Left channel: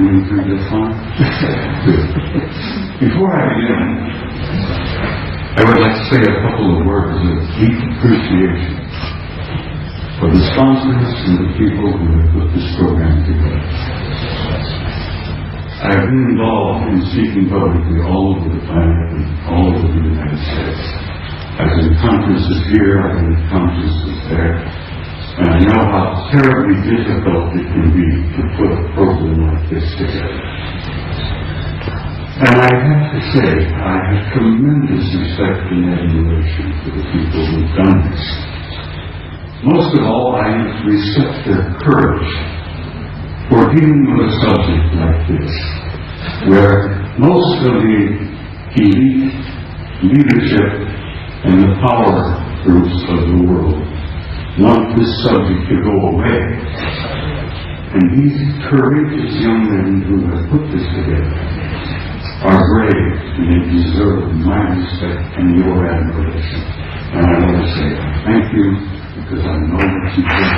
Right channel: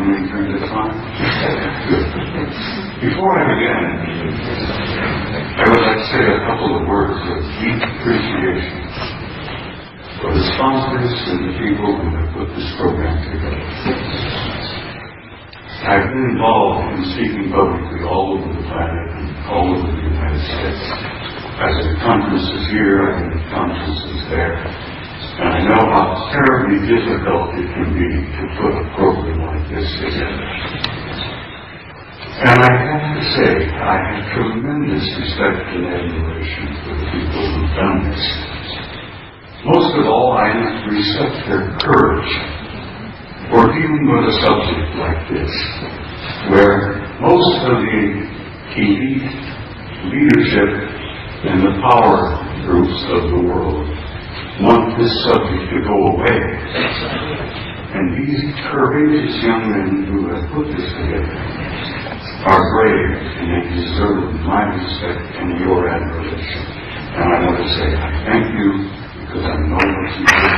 Moving through this one. Before I begin, I would like to say a couple of words of deep appreciation for the sponsors and the people who have put this program together. I've been involved in speaking publicly all over the planet and all over the United States. I've been at conferences here, I've been at conferences there, and I know how terribly difficult it can be to put a program like this together. And I have to say, I have tremendous respect and admiration for the people who've done this. Most of all, I have to respect their courage for dealing with a subject like this, where most of the elite leadership and the power groups of the world want this subject to go away. And these courageous young men who have put this together are brave, and they deserve my respect and your admiration. And I want to say thank you, because I know what you did.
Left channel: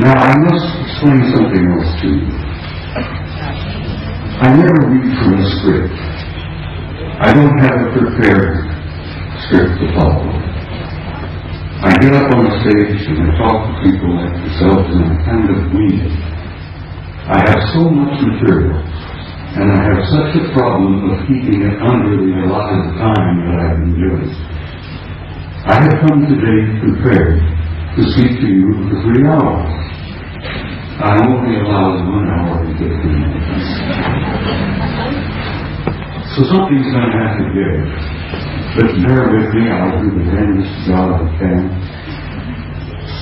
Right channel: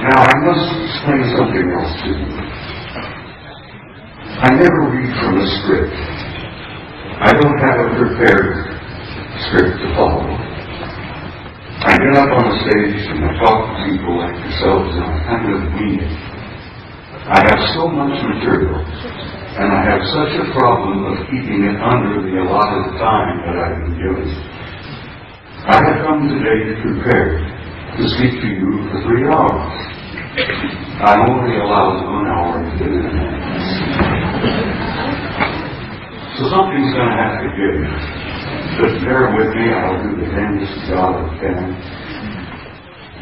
Now, I must explain something else to you. I never read from a script. I don't have a prepared script to follow. I get up on the stage and I talk to people like yourselves, and I kind of weed it. I have so much material, and I have such a problem of keeping it under the allotted time that I've been given. I have come today prepared to speak to you for 3 hours. I only allowed 1 hour to fit in. So something's going to have to give. But bear with me, I'll do the damnedest job I can.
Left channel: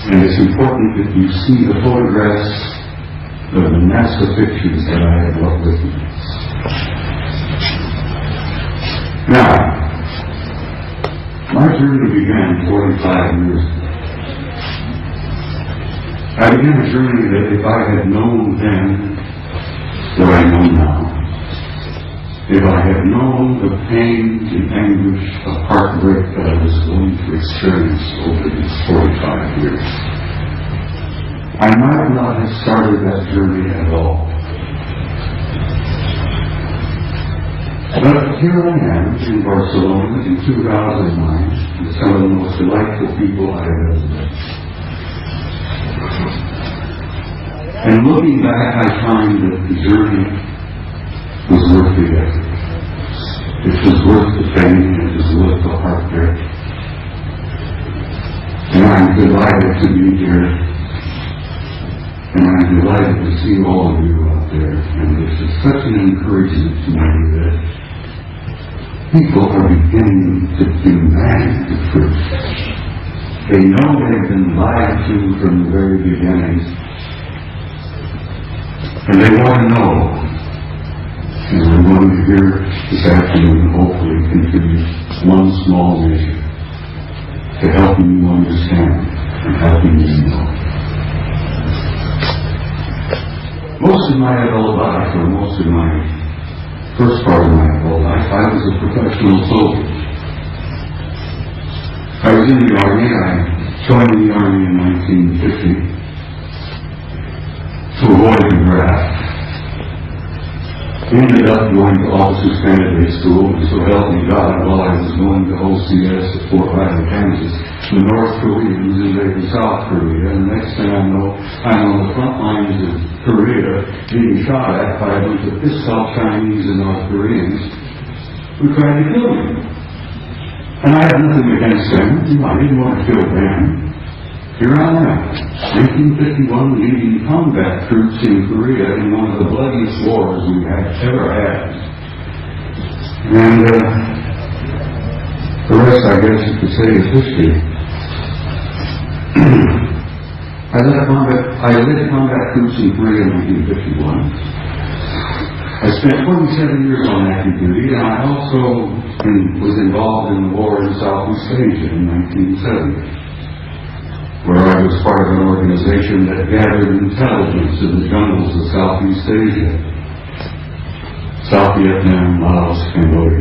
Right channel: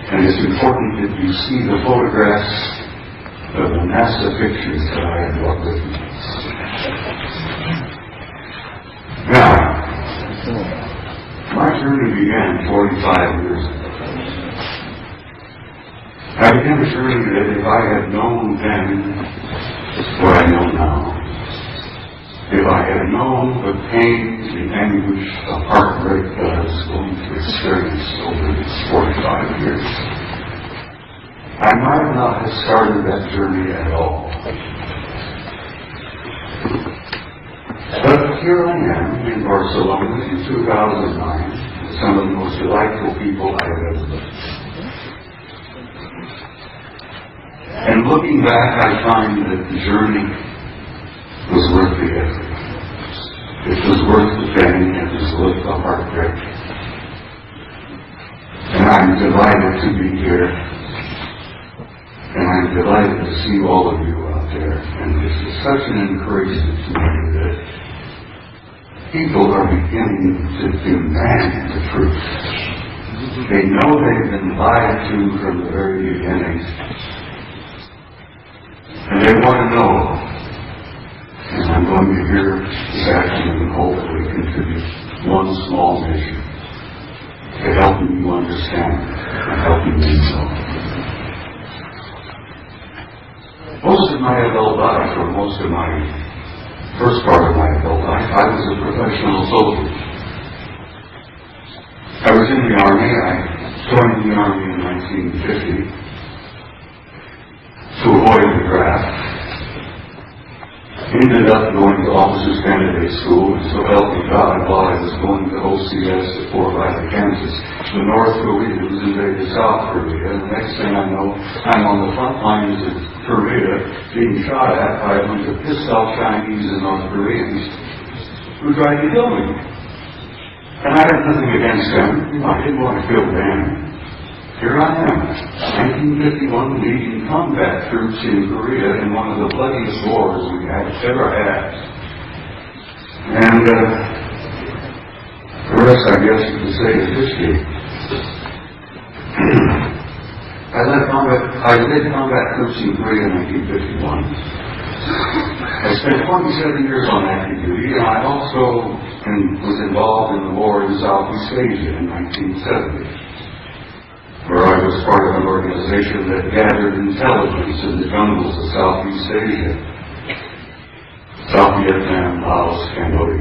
And it's important that you see the photographs of the NASA pictures that I have brought with me. Now, my journey began 45 years ago. I began a journey that if I had known then what I know now, if I had known the pain, the anguish, the heartbreak that I was going to experience over these 45 years, I might not have started that journey at all. But here I am in Barcelona in 2009, with some of the most delightful people I have ever met. And looking back, I find that the journey was worth the effort. It was worth the pain, it was worth the heartbreak. And I'm delighted to be here. And I'm delighted to see all of you out there. And this is such an encouragement to me that people are beginning to demand the truth. They know they've been lied to from the very beginning. And they want to know. And I'm going to hear this afternoon, hopefully, contribute one small measure to helping you understand and helping you know. Most of my adult life, or most of my first part of my adult life, I was a professional soldier. I was in the Army. I joined the Army in 1950 to avoid the draft. Ended up going to officers' candidate school, and so help me God, while I was going to OCS at Fort Riley, Kansas, the North Koreans invaded South Korea, and the next thing I know, I'm on the front lines of Korea being shot at by a bunch of pissed-off Chinese and North Koreans who tried to kill me. And I had nothing against them. I didn't want to kill them. Here I am, 1951, leading combat troops in Korea in one of the bloodiest wars we have ever had. And the rest, I guess you could say, is history. I led combat troops in Korea in 1951. I spent 27 years on active duty, and I also was involved in the war in Southeast Asia in 1970. Where I was part of an organization that gathered intelligence in the jungles of Southeast Asia, South Vietnam, Laos, Cambodia.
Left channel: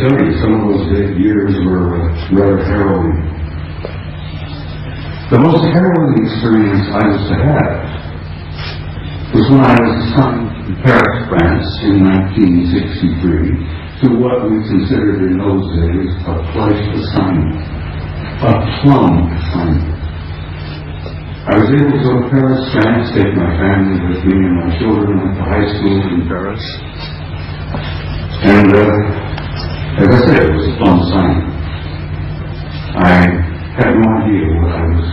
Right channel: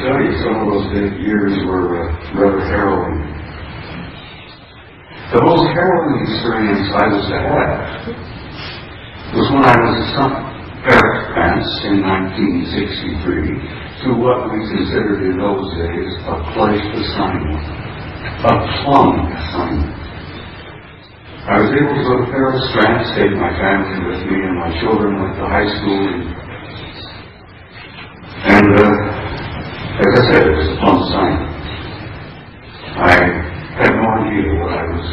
tell you, some of those years were rather harrowing. The most harrowing experience I was to have was when I was assigned to Paris, France in 1963 to what we considered in those days a flight assignment, a plum assignment. I was able to go to Paris, France, take my family with me, and my children went to high school in Paris. And as I said, it was a plum assignment. I had no idea what I was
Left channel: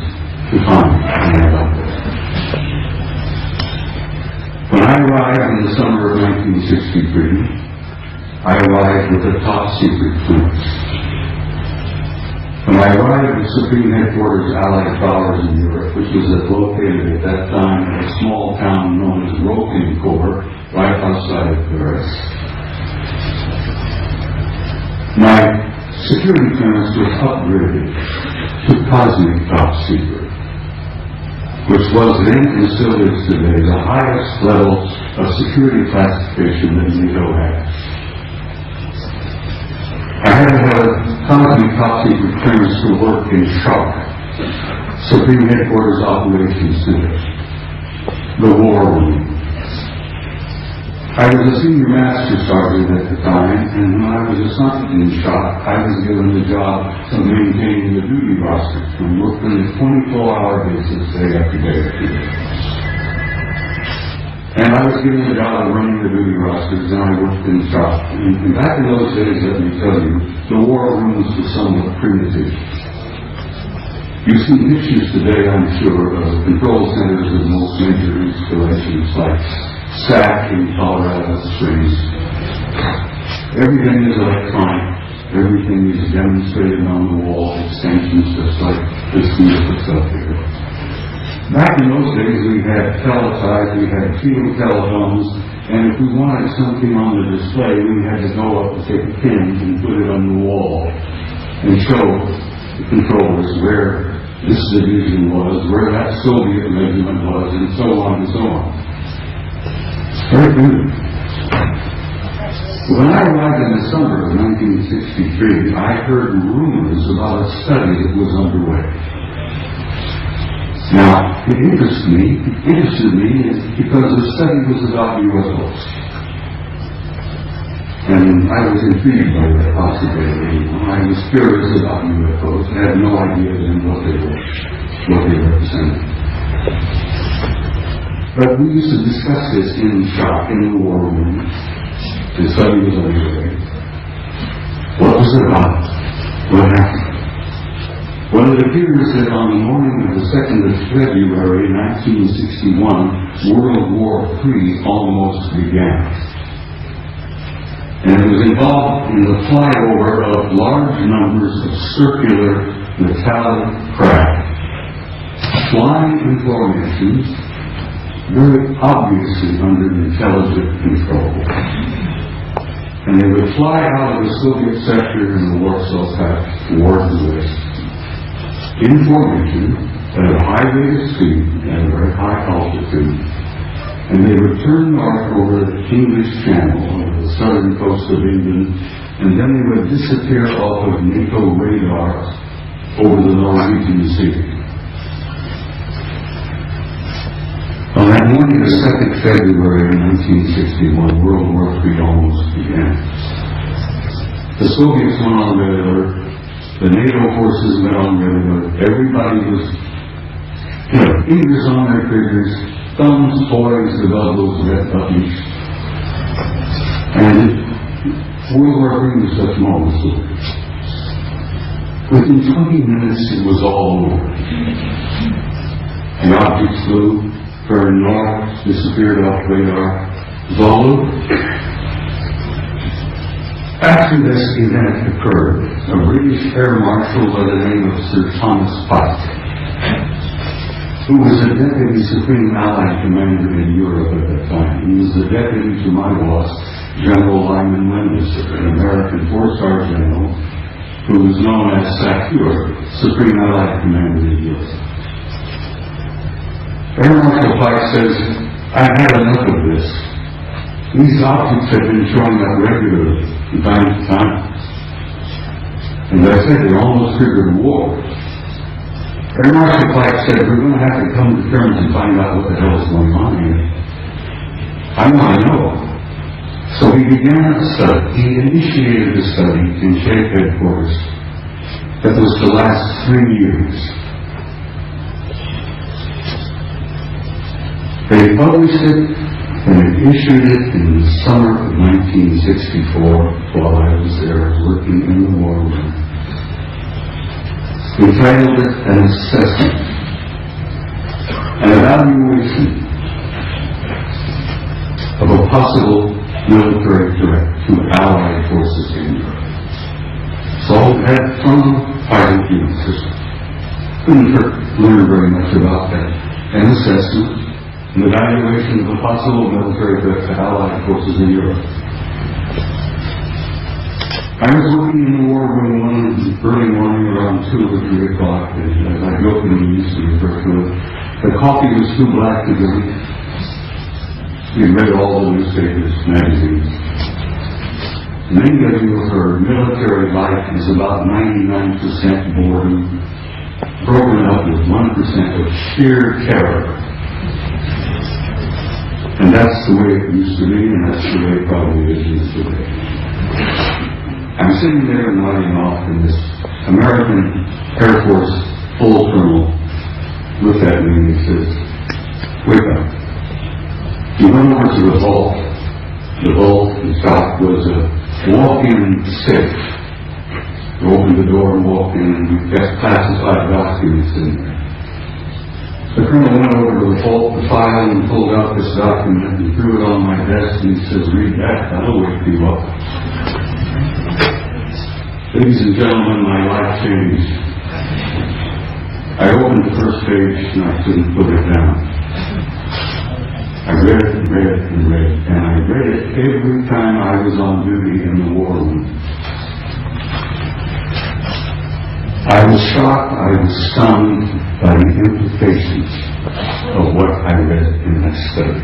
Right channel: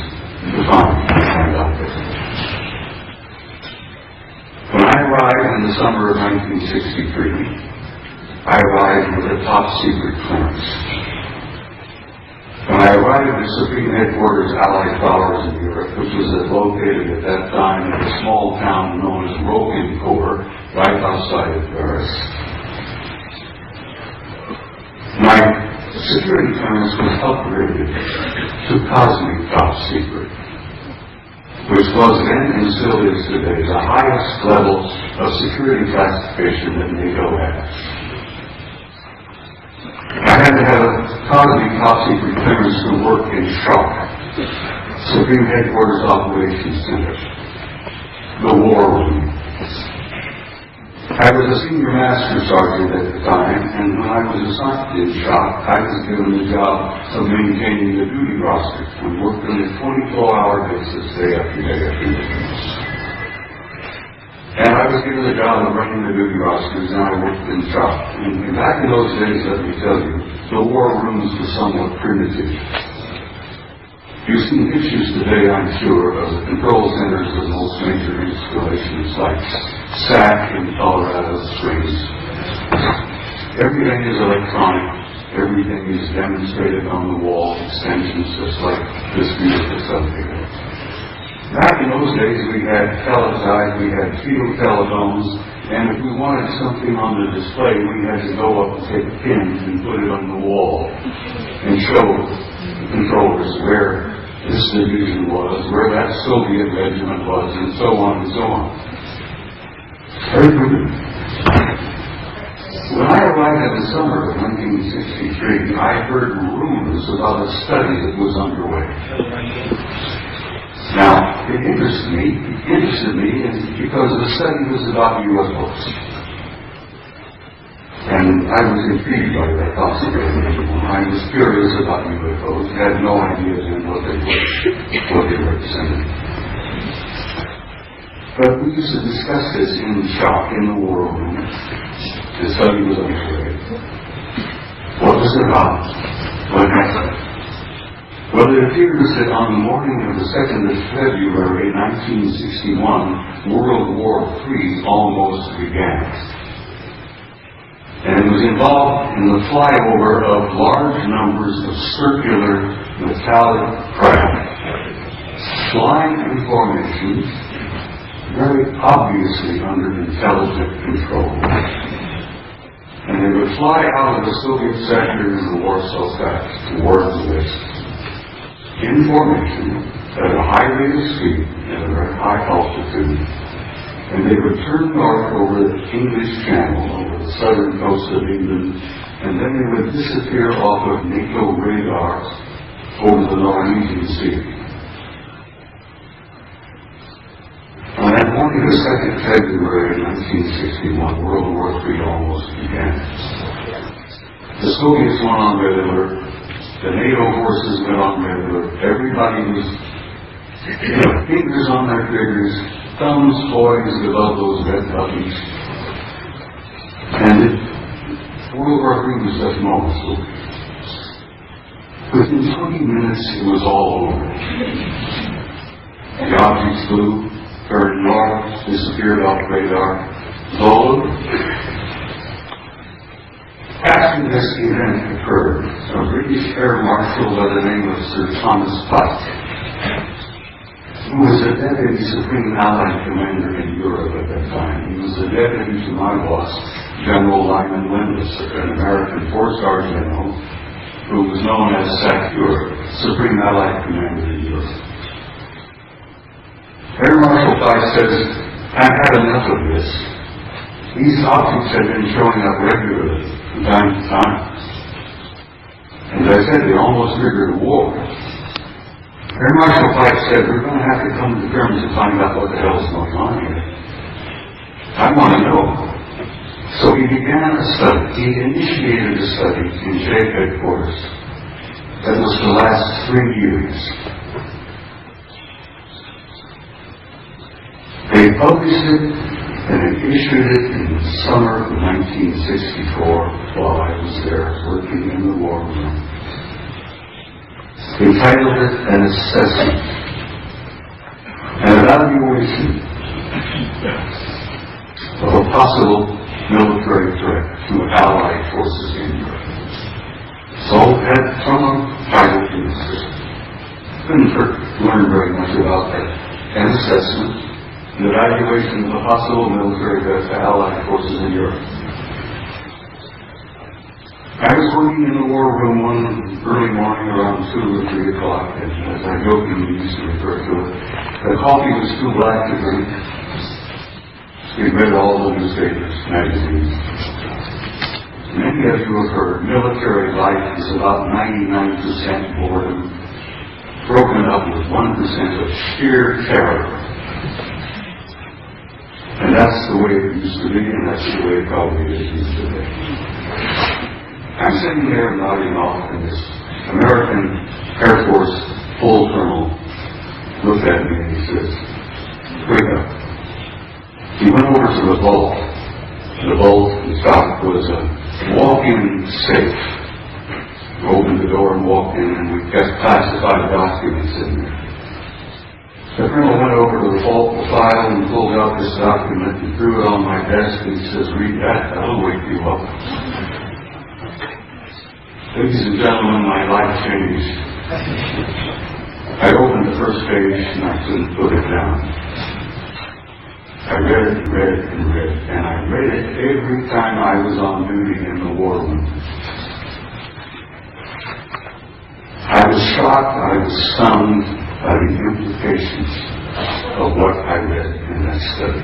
to find when I got there. When I arrived in the summer of 1963, I arrived with a top secret clearance. When I arrived at Supreme Headquarters Allied Powers in Europe, which was located at that time in a small town known as Roquencourt, right outside of Paris. My security clearance was upgraded to cosmic top secret, which was then and still is today the highest level of security classification that NATO has. I had to have a cosmic top secret clearance to work in SHARC, Supreme Headquarters Operations Center, the War Room. I was a senior master sergeant at the time, and when I was assigned in SHARC, I was given the job of maintaining the duty roster and worked on a 24-hour basis day after day after day. And I was given the job of running the duty rosters, and I worked in SHARC. And back in those days, let me tell you, the war rooms were somewhat primitive. You see pictures today, I'm sure, of control centers of most major installations like SAC in Colorado Springs. Everything is electronic. Everything is demonstrated on the wall, extensions just like this beautiful subject. Back in those days, we had teletype, we had field telephones, and if we wanted something on the display, we had to go up and take a pin and put it on the wall and show the controllers where this division was, where that Soviet regiment was, and so on and so on. Very good. When I arrived in the summer of 1963, I heard rumors about a study that was underway. Now, it interested me because the study was about UFOs. And I was intrigued by that possibility. I was curious about UFOs. I had no idea then what they represented. But we used to discuss this in the shop, in the war room. The study was underway. What was it about? What happened? Well, it appears that on the morning of the 2nd of February, 1961, World War III almost began. And it was involved in the flyover of large numbers of circular metallic craft, flying in formation, very obviously under intelligent control. And they would fly out of the Soviet sector in the Warsaw Pact toward the west, in formation at a high rate of speed and a very high altitude. And they would turn north over the English Channel, over the southern coast of England, and then they would disappear off of NATO radar over the Norwegian Sea. On that morning of 2nd February 1961, World War III almost began. The Soviets went on red alert, the NATO forces went on red alert, everybody was, fingers on their fingers, thumbs poised above those red buttons. And World War III was such moments. Within 20 minutes, it was all over. The objects flew, turned north, disappeared off radar, followed. After this event occurred, a British Air Marshal by the name of Sir Thomas Pike, who was a Deputy Supreme Allied Commander in Europe at that time. He was the deputy to my boss, General Lyman Landisser, an American four-star general who was known as SACEUR, Supreme Allied Commander in Europe. Air Marshal Pike says, "I've had enough of this. These objects have been showing up regularly from time to time. And as I said, they almost triggered a war. Air Marshal Pike said, we're going to have to come to terms and find out what the hell is going on here. I want to know. So he began a study. He initiated a study in State Headquarters that was to last 3 years. They published it and they issued it in the summer of 1964 while I was there working in the war room. We titled it an assessment, an evaluation of a possible military threat to Allied forces in Europe. So it had some pilot units. Couldn't learn very much about that. An assessment, an evaluation of the possible military threat to Allied forces in Europe. I was working in the war room one early morning around 2 or 3 o'clock, and as I jokingly used to refer to it, the coffee was too black to drink. We read all the newspapers, magazines. Many of you have heard military life is about 99% boredom, broken up with 1% of sheer terror. And that's the way it used to be, and that's the way it probably is today. I'm sitting there nodding off, and this American Air Force full colonel looked at me and he says, "Wake up." He went over to the vault. The vault inside was a walk-in safe. We opened the door and walked in, and we got classified documents in there. The colonel went over to the vault, the file, and pulled out this document and threw it on my desk, and he says, "Read that, that'll wake you up." Ladies and gentlemen, my life changed. I opened the first page and I couldn't put it down. I read it and read it and read it, and I read it every time I was on duty in the war room. I was shocked, I was stunned by the implications of what I read in that study.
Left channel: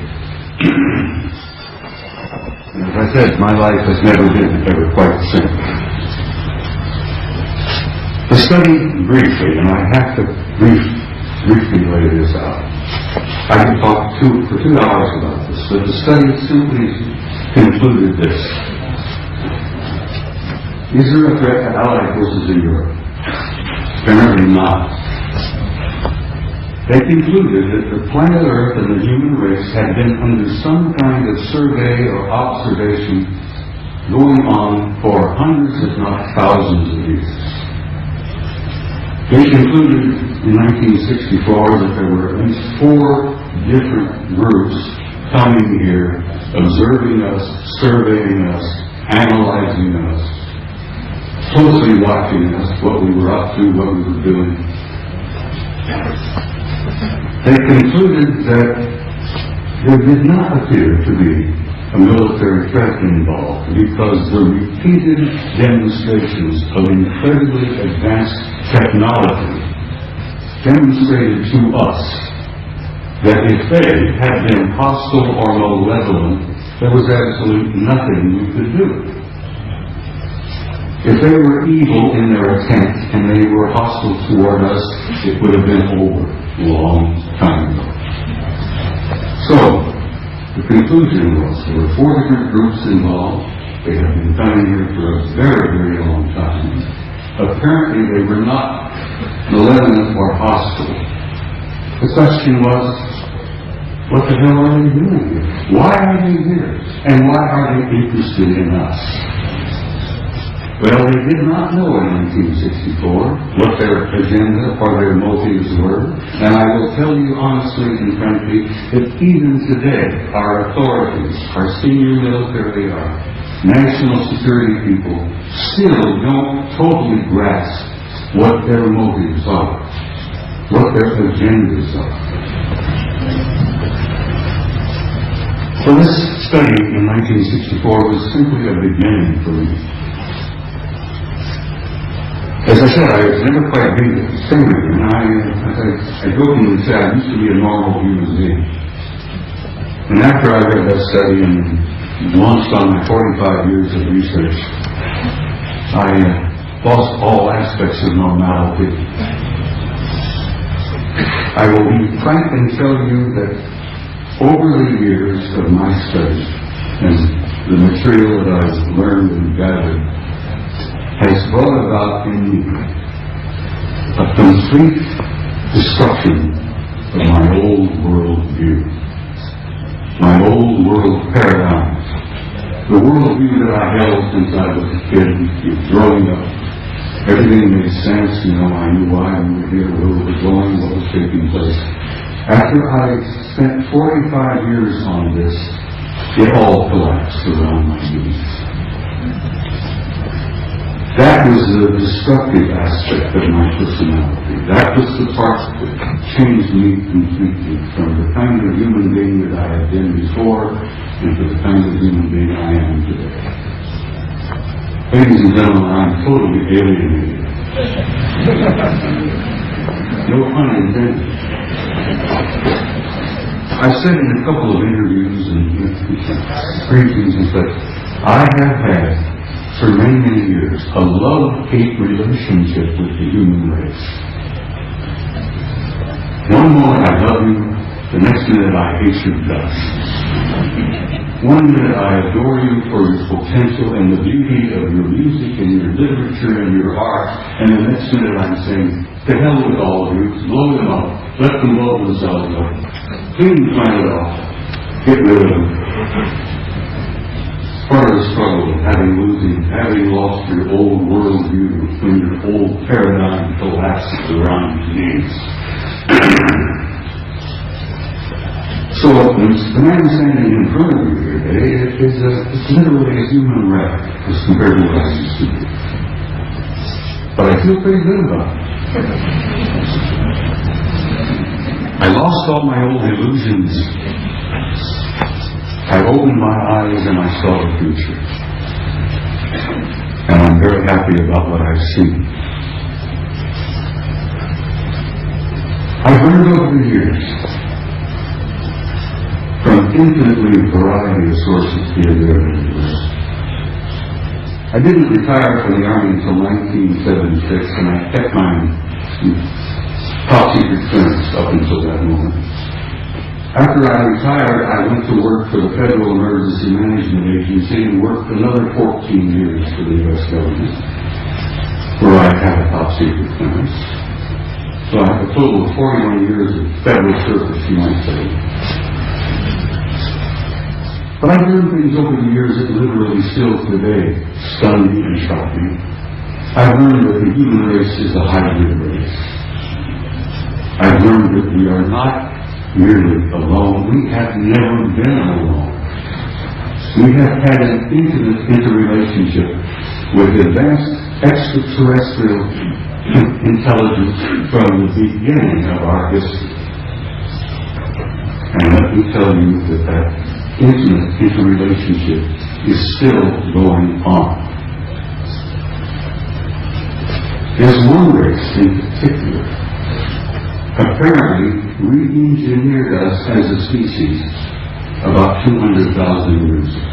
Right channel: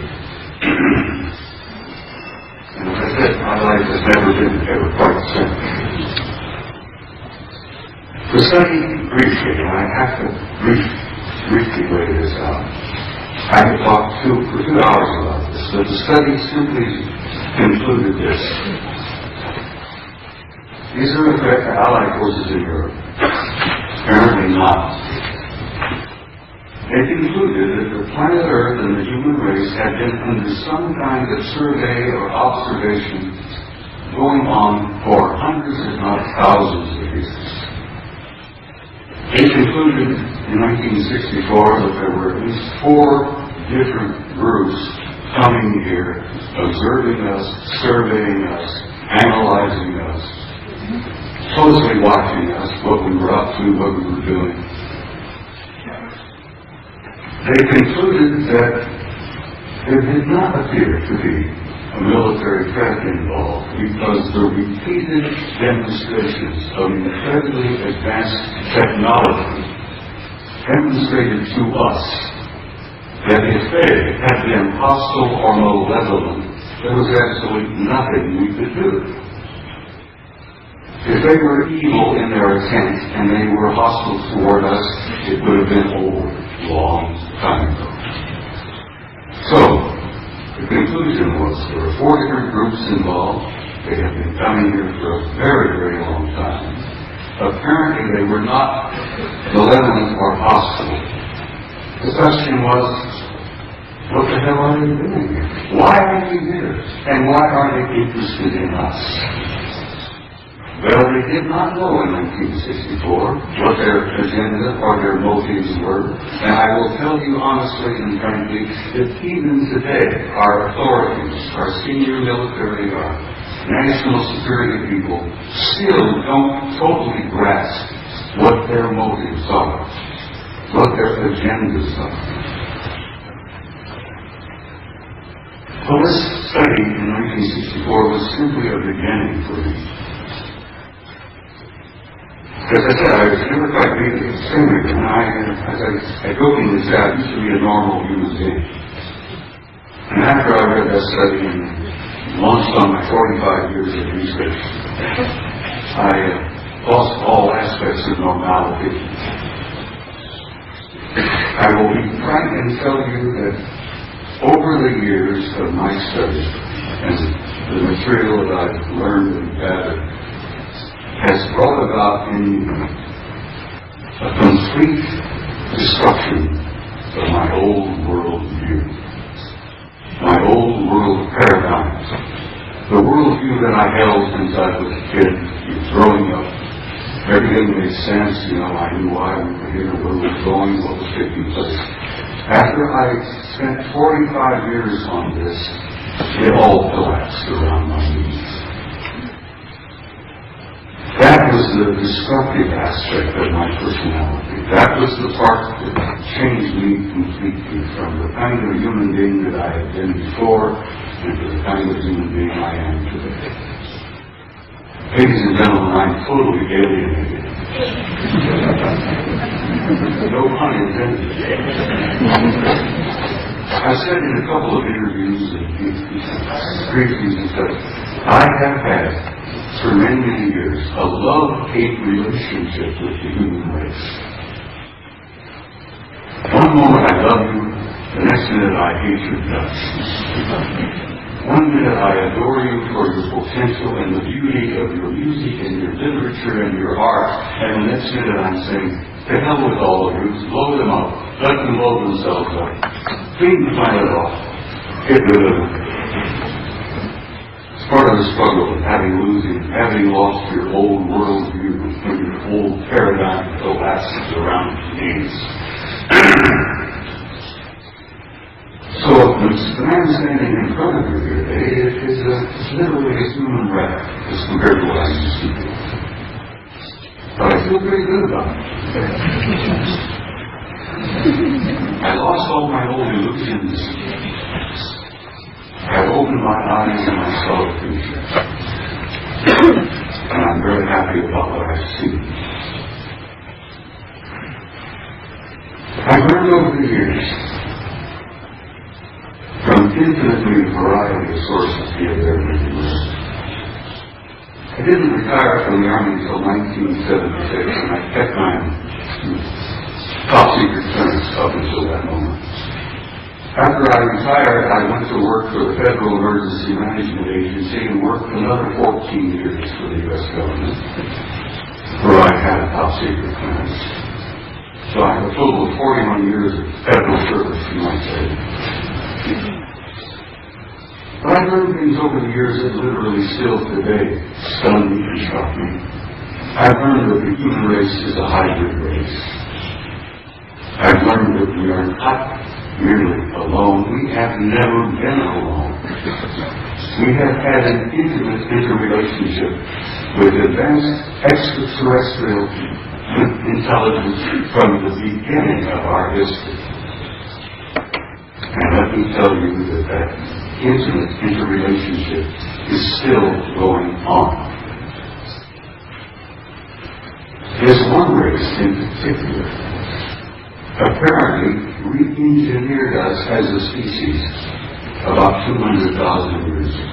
And as I said, my life has never been ever quite the same. The study, briefly, and I have to briefly lay this out. I could talk for 2 hours about this, but the study simply concluded this. Is there a threat to Allied forces in Europe? Apparently not. They concluded that the planet Earth and the human race had been under some kind of survey or observation going on for hundreds, if not thousands of years. They concluded in 1964 that there were at least 4 different groups coming here, observing us, surveying us, analyzing us, closely watching us, what we were up to, what we were doing. They concluded that there did not appear to be a military threat involved because the repeated demonstrations of incredibly advanced technology demonstrated to us that if they had been hostile or malevolent, there was absolutely nothing we could do. If they were evil in their intent and they were hostile toward us, it would have been over a long time ago. So, the conclusion was there were 4 different groups involved. They had been coming here for a very, very long time. Apparently they were not malevolent or hostile. The question was, what the hell are they doing here? Why are they here? And why are they interested in us? Well, they did not know in 1964 what their agenda or their motives were. And I will tell you honestly and frankly that even today, our authorities, our senior military, our national security people, still don't totally grasp what their motives are, what their agendas are. So this study in 1964 was simply a beginning for me. As I said, I was never quite being a singer, and I jokingly say I used to be a normal human being. And after I read that study and launched on my 45 years of research, I lost all aspects of normality. I will be frank and tell you that over the years of my study and the material that I've learned and gathered has brought about in me a complete destruction of my old world view, my old world paradigm, the world view that I held since I was a kid, growing up. Everything made sense, I knew why we were here, where we were going, what was taking place. After I spent 45 years on this, it all collapsed around my knees. That was the destructive aspect of my personality. That was the part that changed me completely from the kind of human being that I had been before into the kind of human being I am today. Ladies and gentlemen, I'm totally alienated. No pun intended. I've said in a couple of interviews and briefings that I have had, for many, many years, a love-hate relationship with the human race. One moment I love you, the next minute I hate your guts. One minute I adore you for your potential and the beauty of your music and your literature and your art, and the next minute I'm saying, to hell with all of you, blow them up, let them blow themselves up, clean the planet off, get rid of them. As far as the struggle of having lost your old world view, when your old paradigm collapses around your knees. So the man standing in front of you today is literally a human wreck as compared to what I used to be. But I feel pretty good about it. I lost all my old illusions. I opened my eyes and I saw the future. And I'm very happy about what I've seen. I've learned over the years from infinitely variety of sources here, there, and everywhere. I didn't retire from the Army until 1976, and I kept my top secret clearance up until that moment. After I retired, I went to work for the Federal Emergency Management Agency and worked another 14 years for the U.S. government, where I had a top secret clearance. So I have a total of 41 years of federal service in my state. But I've learned things over the years that literally still today stun me and shock me. I've learned that the human race is a hybrid race. I've learned that we are not merely alone. We have never been alone. We have had an intimate interrelationship with advanced extraterrestrial intelligence from the beginning of our history. And let me tell you that intimate interrelationship is still going on. There's one race in particular, apparently re-engineered us as a species about 200,000 years ago.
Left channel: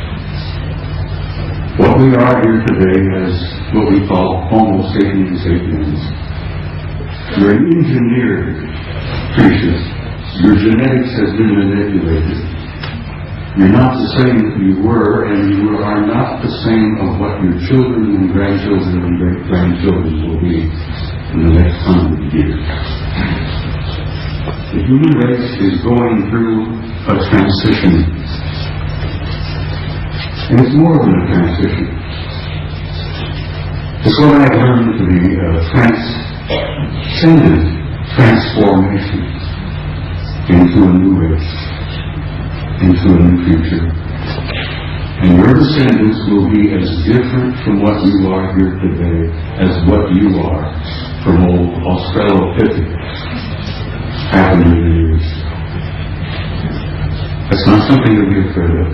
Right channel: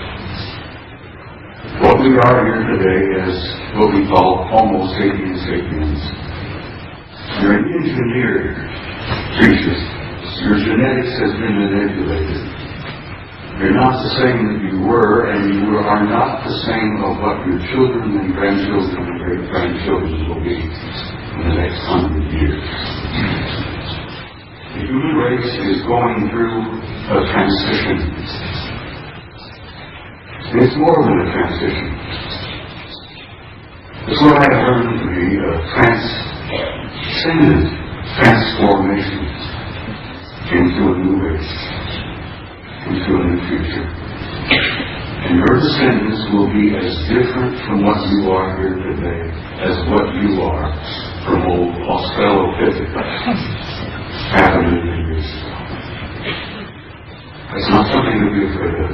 What we are here today is what we call Homo sapiens sapiens. You're engineered creatures. Your genetics has been manipulated. You're not the same that you were, and you are not the same of what your children and grandchildren and great-grandchildren will be in the next 100 years. The human race is going through a transition. And it's more than a transition. It's what I've learned to be a transcendent transformation into a new race, into a new future. And your descendants will be as different from what you are here today as what you are from old Australopithecus half a million years. That's not something to be afraid of.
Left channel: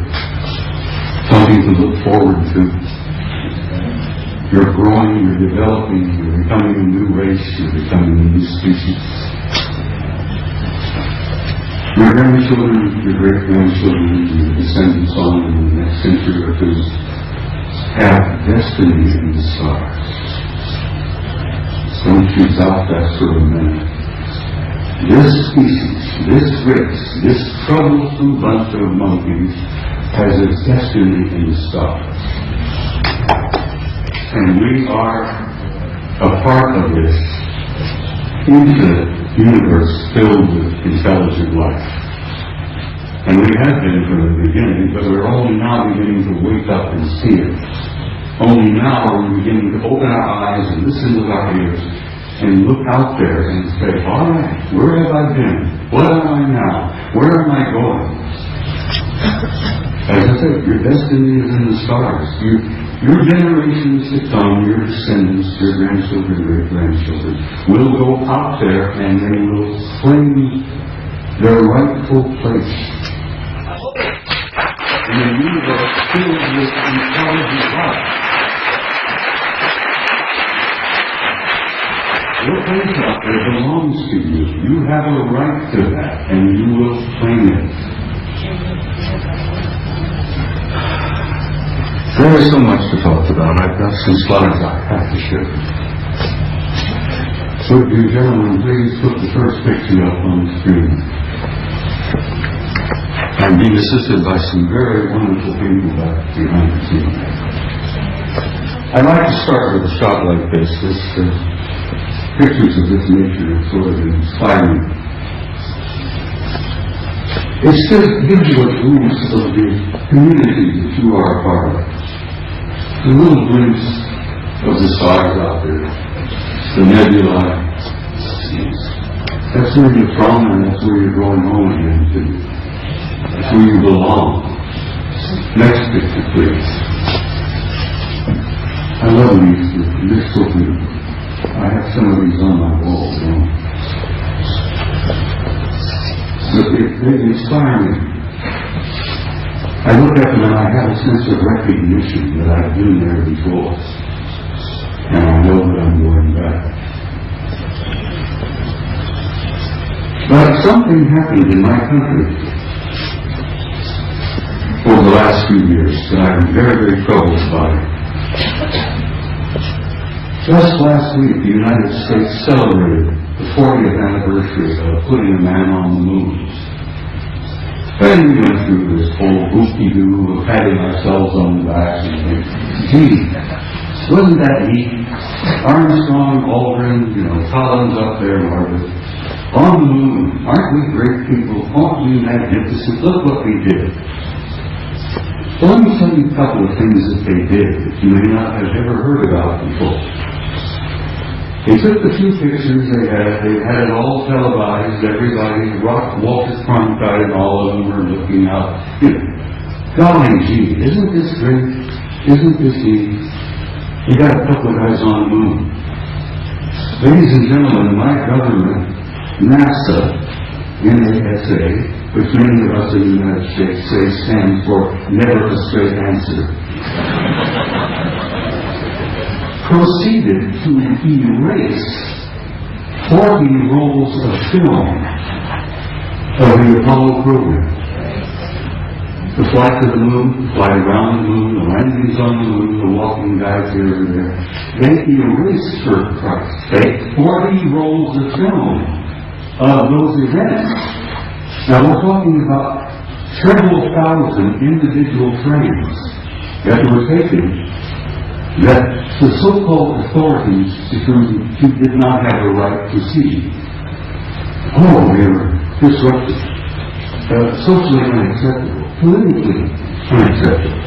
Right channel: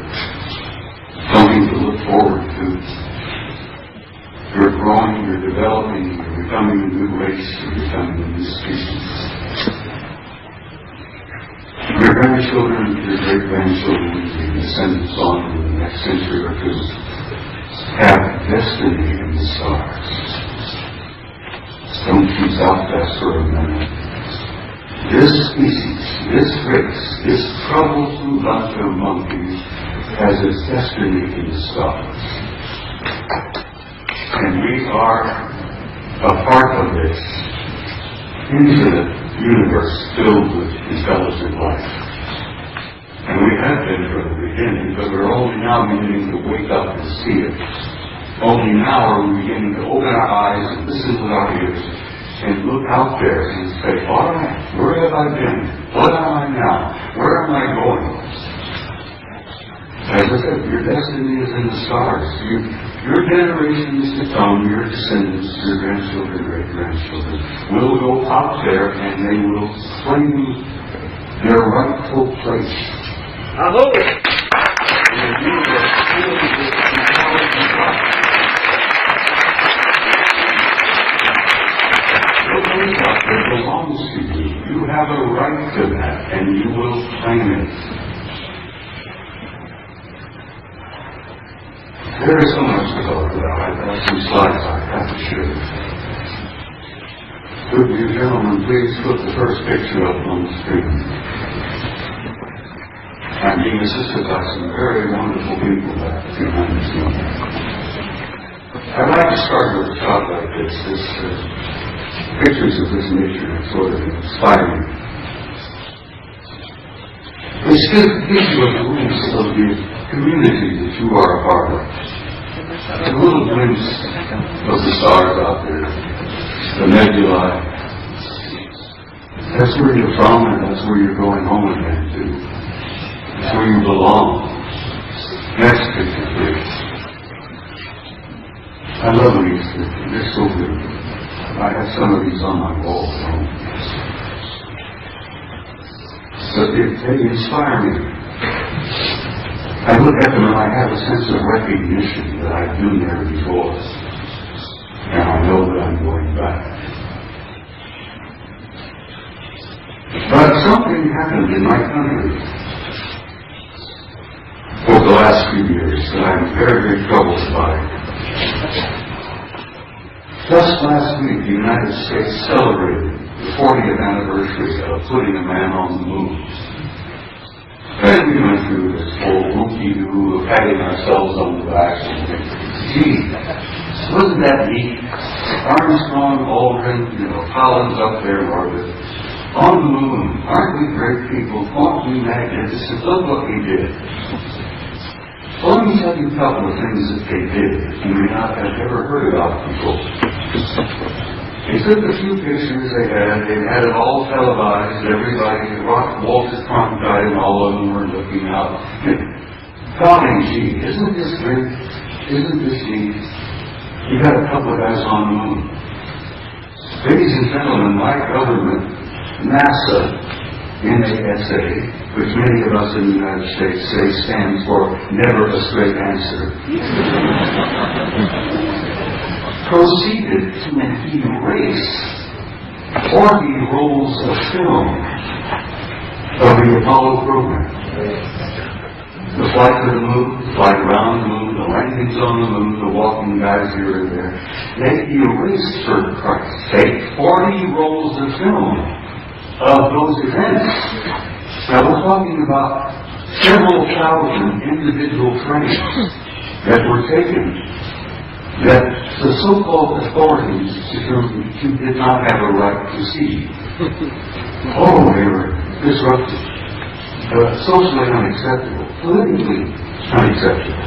Something to look forward to. You're growing, you're developing, you're becoming a new race, you're becoming a new species. Your grandchildren, your great-grandchildren, your descendants on in the next century or two have destiny in the stars. Don't tease out that sort of man. This species, this race, this troublesome bunch of monkeys has its destiny in the stars. And we are a part of this infinite universe filled with intelligent life. And we have been from the beginning, but we're only now beginning to wake up and see it. Only now are we beginning to open our eyes and listen with our ears and look out there and say, all right, where have I been? What am I now? Where am I going? As I said, your destiny is in the stars. Your generations to come, your descendants, your grandchildren, great-grandchildren, will go out there and they will claim their rightful place in the universe filled with intelligent life. Your place out there belongs to you. You have a right to that, and you will claim it. There is so much to talk about. I've got some slides I have to share. Would you gentlemen please put the first picture up on the screen? I'm being assisted by some very wonderful people about humanity. I'd like to start with a shot like this. Pictures of this nature are sort of inspiring. It gives you a glimpse of the community that you are a part of. A little glimpse of the stars out there, the nebulae. That's where you're from, and that's where you're going home again to. That's where you belong. Next picture, please. I love these. They're so beautiful. I have some of these on my wall. They inspire me. I look at them and I have a sense of recognition that I've been there before. And I know that I'm going back. But something happened in my country over the last few years that I'm very, very troubled by. Just last week, the United States celebrated the 40th anniversary of putting a man on the moon. And we went through this whole whoop-de-doo of patting ourselves on the back and saying, gee, wasn't that neat? Armstrong, Aldrin, Collins up there in orbit. On the moon, aren't we great people? Aren't we magnificent? Look what we did. So let me tell you a couple of things that they did that you may not have ever heard about before. They took the few pictures they had it all televised, everybody, Walter Cronkite and all of them were looking out. Golly gee, isn't this great? Isn't this neat? You got a couple of guys on the moon. Ladies and gentlemen, my government, NASA, NASA, which many of us in the United States say stands for never a straight answer, proceeded to erase 40 rolls of film of the Apollo program. The flight to the moon, flight around the moon, the landings on the moon, the walking guys here and there. They erased, for Christ's sake, 40 rolls of film of those events. Now we're talking about several thousand individual frames that were taken that the so-called authorities did not have a right to see. Oh, they were disruptive, socially unacceptable, politically unacceptable.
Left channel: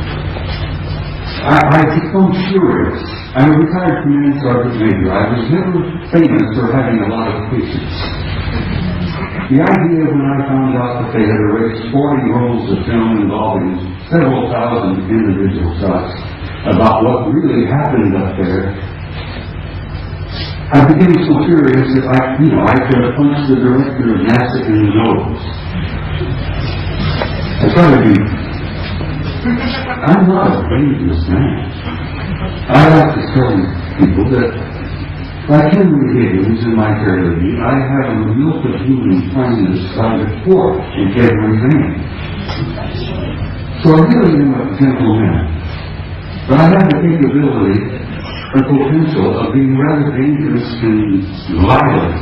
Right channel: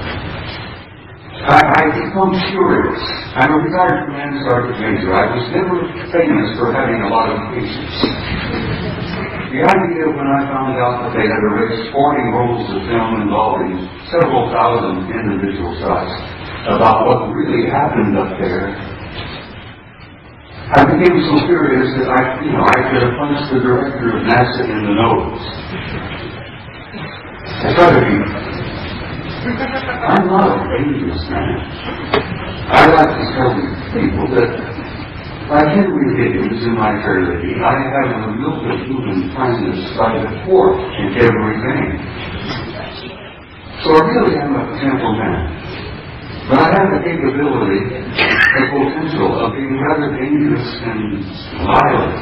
I become furious. I'm a retired command sergeant major. I was never famous for having a lot of patience. The idea when I found out that they had erased 40 rolls of film involving several thousand individual shots about what really happened up there, I became so furious that I could have punched the director of NASA in the nose. I try to be. I'm not a dangerous man. I like to tell people that Like Henry Higgins in my tragedy, I have a milk of human kindness by the quart in every vein. So I really am a gentle man. But I have the capability and potential of being rather dangerous and violent.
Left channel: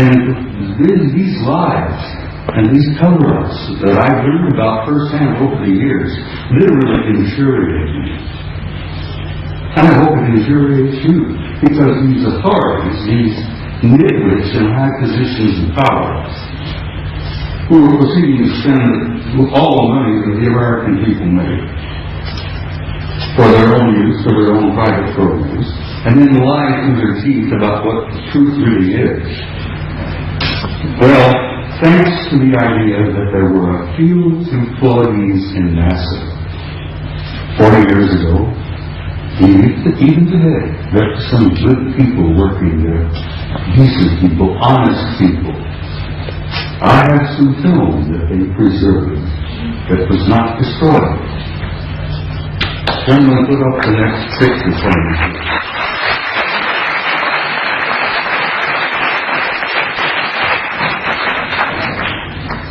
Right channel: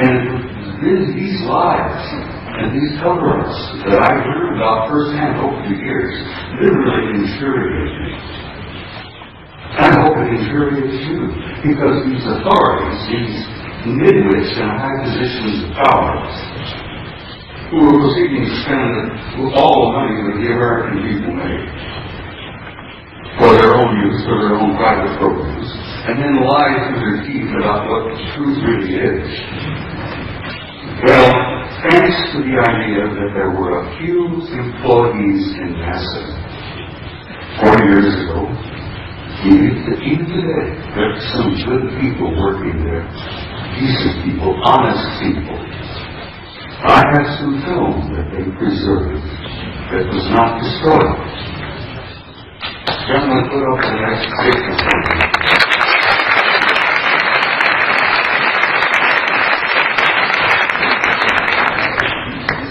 And these lies and these cover-ups that I've learned about firsthand over the years literally infuriate me. I hope it infuriates you, because these authorities, these nitwits in high positions of power, who will see you spend all the money that the American people make for their own use, for their own private programs, and then lie through their teeth about what the truth really is. Well, thanks to the idea that there were a few employees in NASA 40 years ago, even today, there are some good people working there, decent people, honest people. I have some film that they preserved that was not destroyed. So I'm going to put up the next picture for you.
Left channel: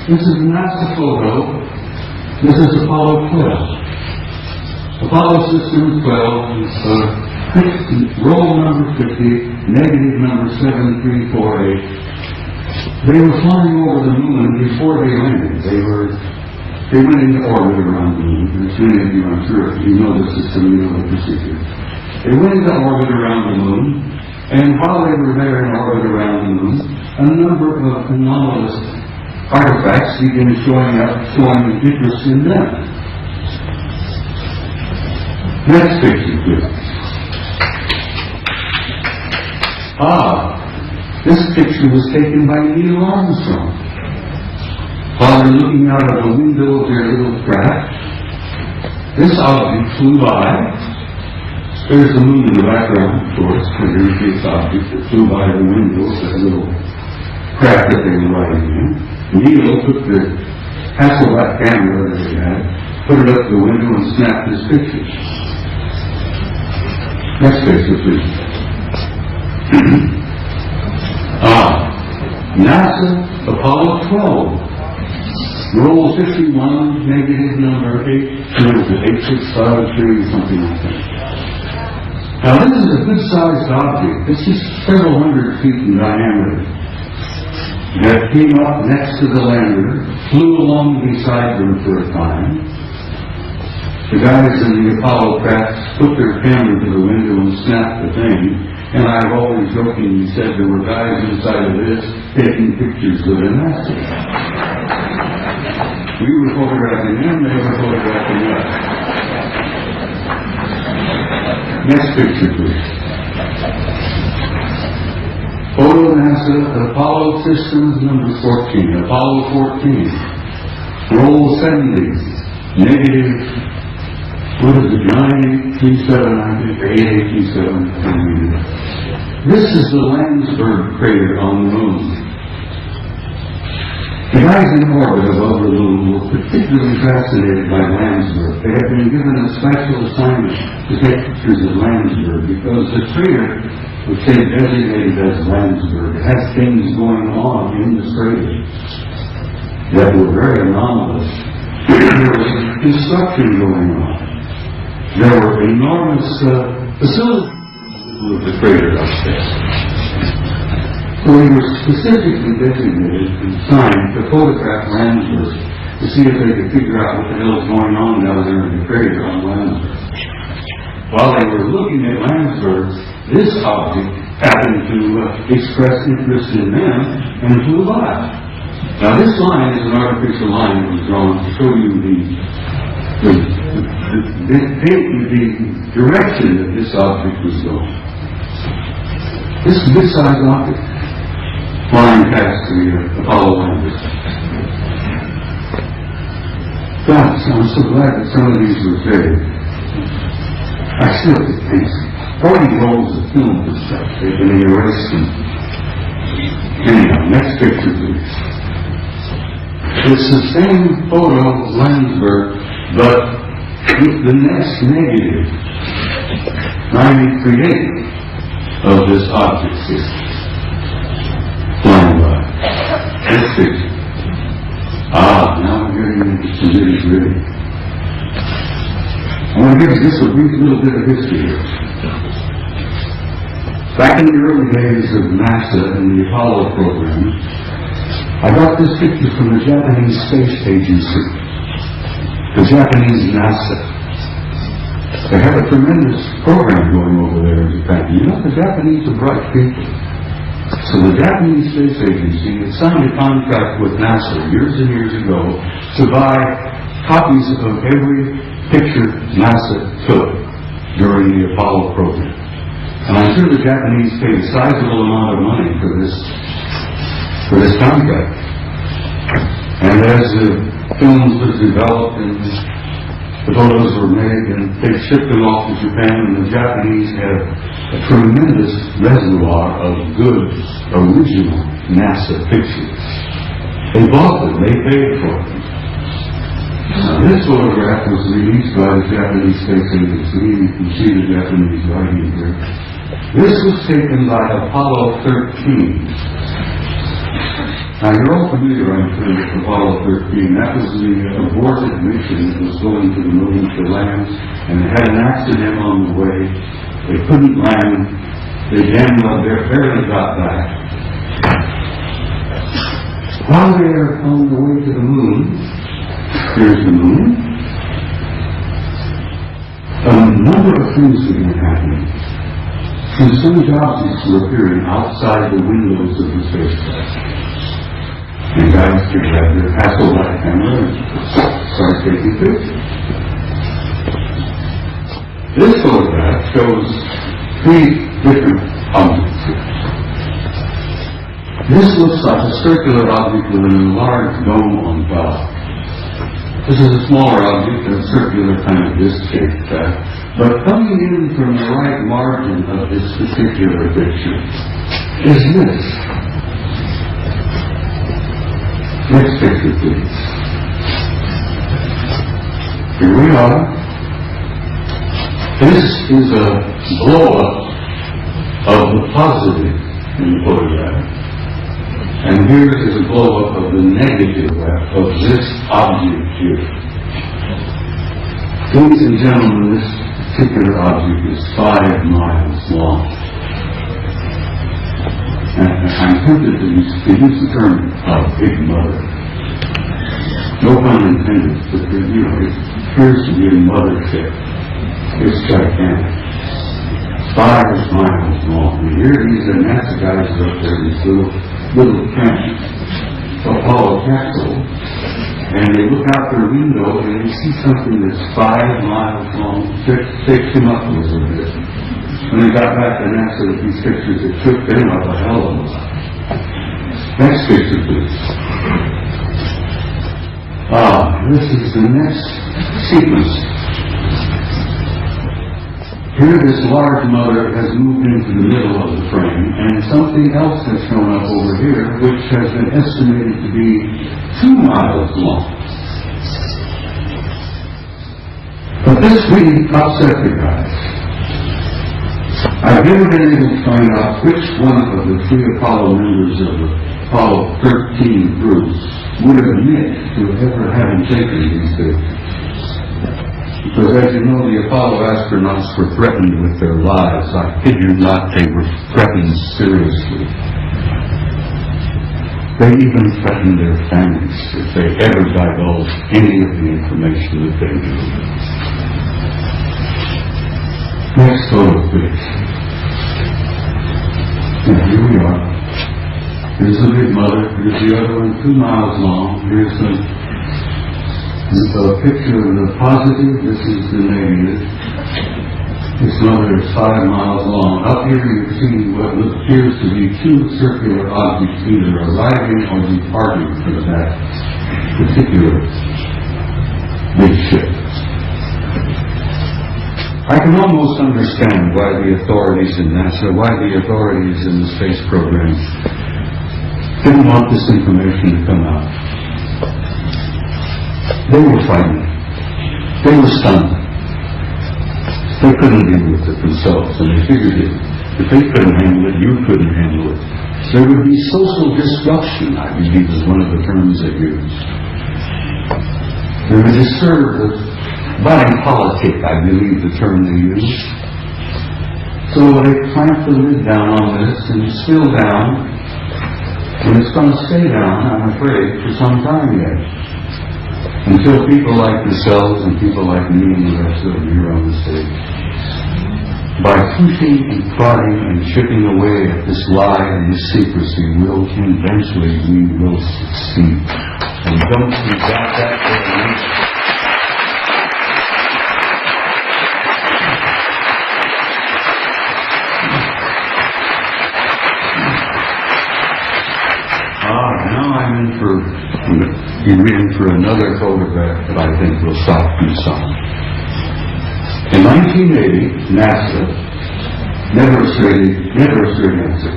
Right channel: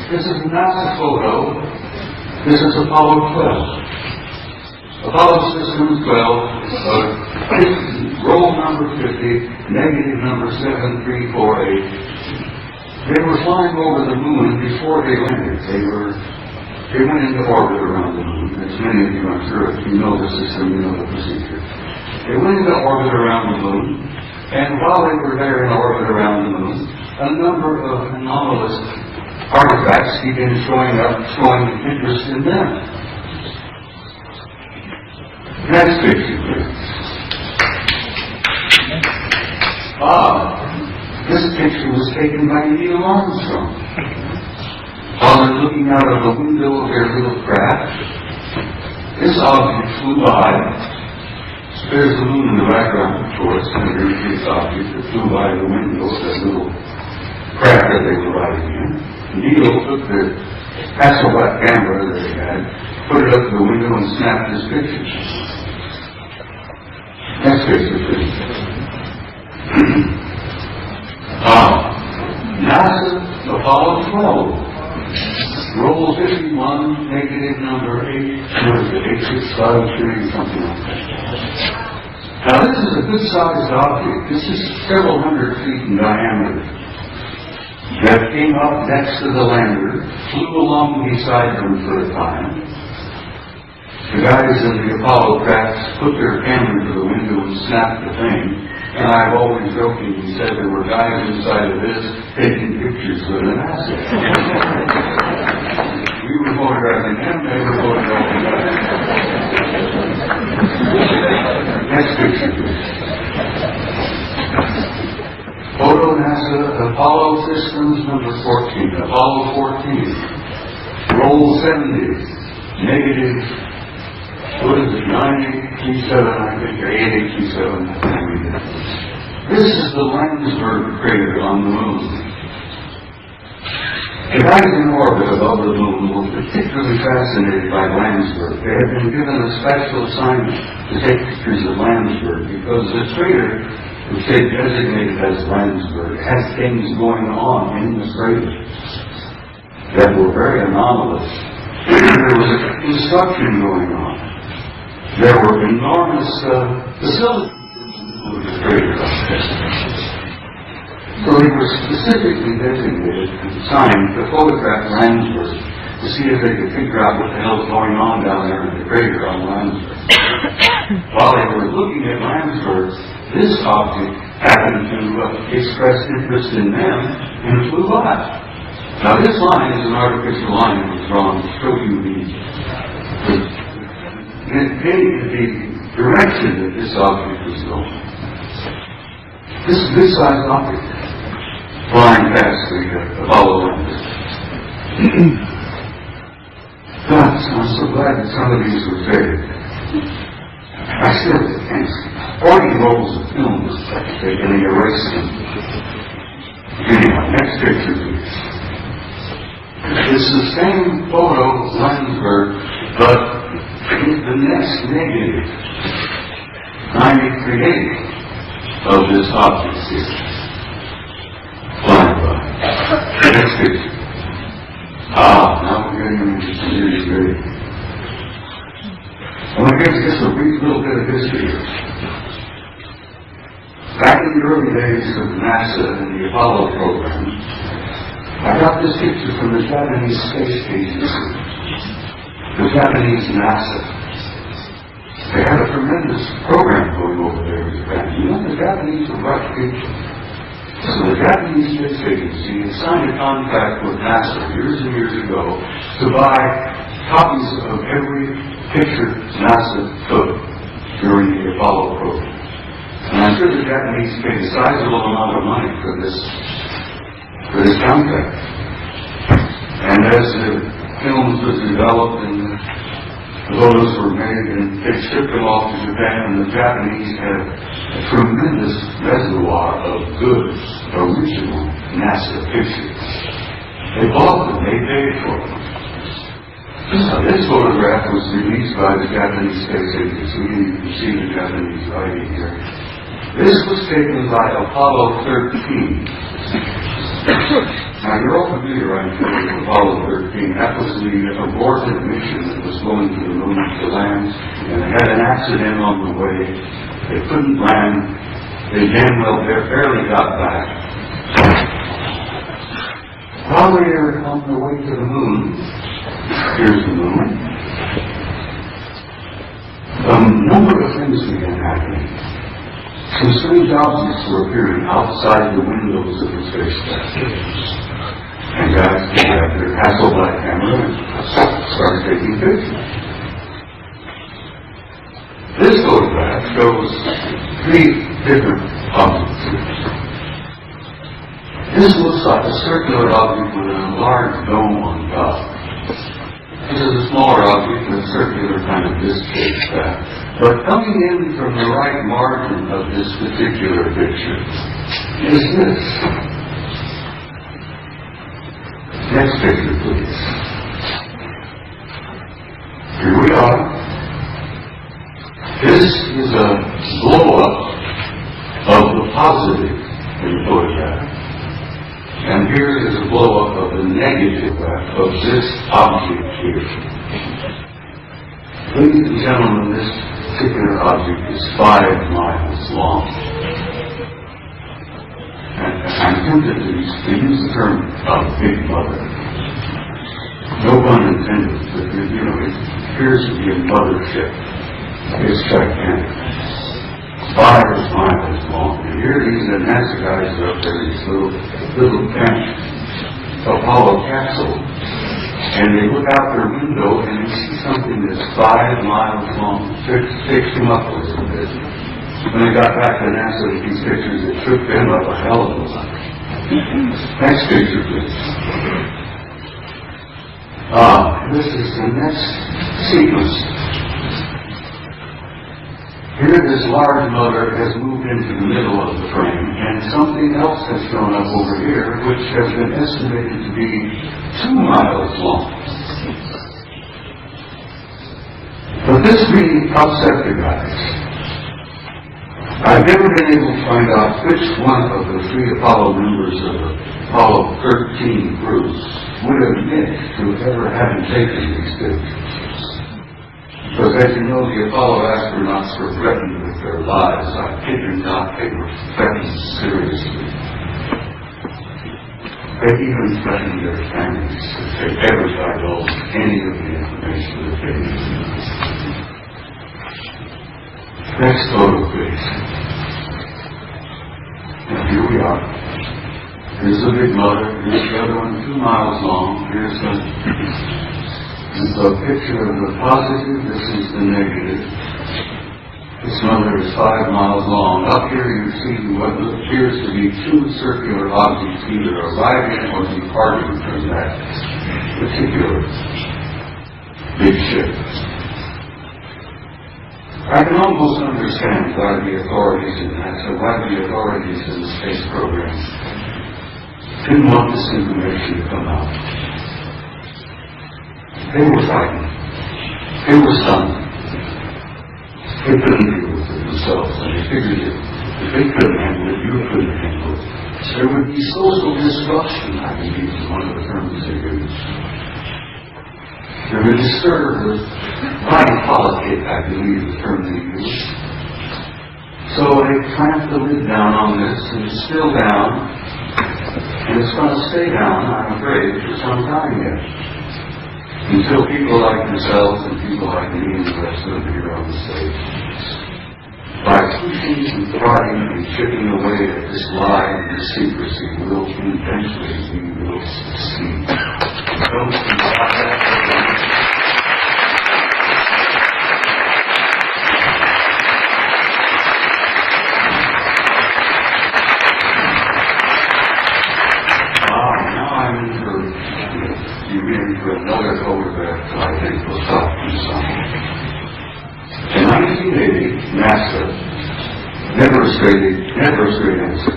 This is a NASA photo. This is Apollo 12. Apollo System 12, roll number 50, negative number 7348. They were flying over the moon before they landed. They went into orbit around the moon. As many of you, I'm sure, if you know the system, you know the procedure. They went into orbit around the moon, and while they were there in orbit around the moon, a number of anomalous artifacts began showing up, showing interest in them. Next picture, please. This picture was taken by Neil Armstrong. While they're looking out of a window of their little craft, this object flew by. There's the moon in the background, of course, and there's this object that flew by the window, that little craft that they were riding in. Neil took the Hasselblad camera that he had, put it up to the window, and snapped this picture. Next picture, please. NASA Apollo 12. Roll 51, negative number 8653, something like that. Now this is a good-sized object. It's just several hundred feet in diameter. That came up next to the lander, flew along beside them for a time. The guys in the Apollo crafts put their camera to the window and snapped the thing, and I've always jokingly said there were guys inside of this taking pictures with an asset. We were photographing them, they were photographing us. Next picture, please. Photo NASA Apollo Systems number 14, Apollo 14. Roll 70, negative. What is it, 9827, I think, or 8827? This is the Landsberg crater on the moon. The guys in orbit above the moon were particularly fascinated by Landsberg. They had been given a special assignment to take pictures of Landsberg because the crater, which they designated as Landsberg, had things going on in the crater that were very anomalous. There was construction going on. There were enormous facilities with the crater up there. So they were specifically designated and signed to photograph Landsberg to see if they could figure out what the hell is going on down there in the crater on Landsberg. While they were looking at Landsberg, this object happened to express interest in them and flew by. Now this line is an artificial line that was drawn to show you the direction that this object was going. This is a good-sized object flying past the Apollo landers. I'm so glad that some of these were faded. I still get fancy. 40 rolls of film was taken in the arresting. Anyhow, next picture, please. It's the same photo of Landsberg, but the next negative, 93.8. of this object system flying by. Next picture. Now we're getting into some nitty-gritty. I'm going to give you just a brief little bit of history here. Back in the early days of NASA and the Apollo program, I got this picture from the Japanese Space Agency, the Japanese NASA. They had a tremendous program going over there in Japan. You know, the Japanese were rough people. So the Japanese Space Agency had signed a contract with NASA years and years ago to buy copies of every picture NASA took during the Apollo program. And I'm sure the Japanese paid a sizable amount of money for this contract. And as the films were developed and the photos were made and they shipped them off to Japan, and the Japanese had a tremendous reservoir of good, original NASA pictures. They bought them, they paid for them. This photograph was released by the Japanese Space Agency. You can see the Japanese writing here. This was taken by Apollo 13. Now, you're all familiar, I'm sure, with Apollo 13. That was the aborted mission that was going to the moon to land, and they had an accident on the way. They couldn't land. They barely got back. While they were on the way to the moon, here's the moon. A number of things began happening. Some strange objects were appearing outside the windows of the spacecraft. And guys get out their Hasselblad camera and start taking pictures. This photograph shows three different objects. This looks like a circular object with a large dome on top. This is a smaller object in a circular kind of disc shaped craft. But coming in from the right margin of this particular picture is this. Next picture, please. Here we are. This is a blow-up of the positive in the photograph. And here is a blow-up of the negative of this object here. Ladies and gentlemen, this particular object is 5 miles long. And I'm tempted to use the term big mother. No pun intended, but it appears to be a mothership. It's gigantic. 5 miles long. And here these NASA guys are up there in this little tank Apollo capsule. And they look out their window and they see something that's 5 miles long. Shakes them up a little bit. When they got back to NASA with these pictures, it shook them up a hell of a lot. Next picture, please. This is the next sequence. Here, this large motor has moved into the middle of the frame, and something else has shown up over here, which has been estimated to be 2 miles long. But this thing upset the guys. I've never been able to find out which one of the 3 Apollo members of the Apollo 13 groups would admit to ever having taken these pictures. Because as you know, the Apollo astronauts were threatened with their lives. I kid you not, they were threatened seriously. They even threatened their families if they ever divulged any of the information that they knew. Next photo, please. Now, here we are. Here's the big mother. Here's the other one, 2 miles long. Here's a picture of the positive. This is the negative. This mother is 5 miles long. Up here you see what appears to be 2 circular objects either arriving or departing from that particular big ship. I can almost understand why the authorities in NASA, why the authorities in the space program didn't want this information to come out. They were frightened. They were stunned. They couldn't deal with it themselves, and they figured If they couldn't handle it, you couldn't handle it. There would be social disruption, I believe is one of the terms they use. There would be served with body politic, I believe the term they use. So they clamped the lid down on this, and it's still down, and it's going to stay down, I'm afraid, for some time yet. Until people like yourselves and people like me and the rest of them here on the stage, by pushing and prodding and chipping away at this lie and this secrecy, will eventually we will succeed. And don't you doubt that? You're in for another photograph that I think will stop you some. In 1980, NASA, never a straight answer,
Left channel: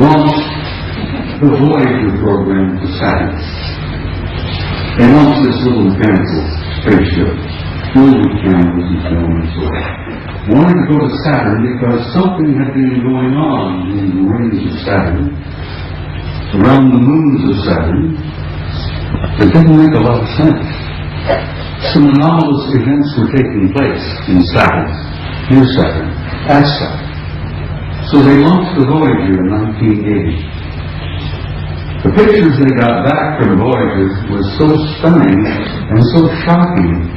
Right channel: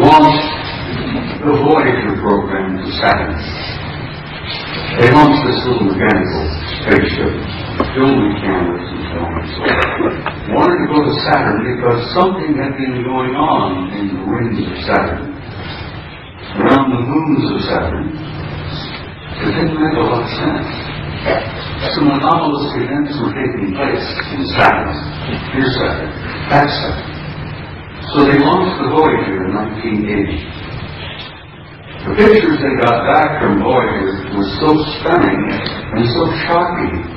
launched the Voyager program to Saturn. They launched this little mechanical spaceship, filled with cameras and filming. Wanted to go to Saturn because something had been going on in the rings of Saturn, around the moons of Saturn, that didn't make a lot of sense. Some anomalous events were taking place in Saturn, near Saturn, at Saturn. So they launched the Voyager in 1980. The pictures they got back from Voyager were so stunning and so shocking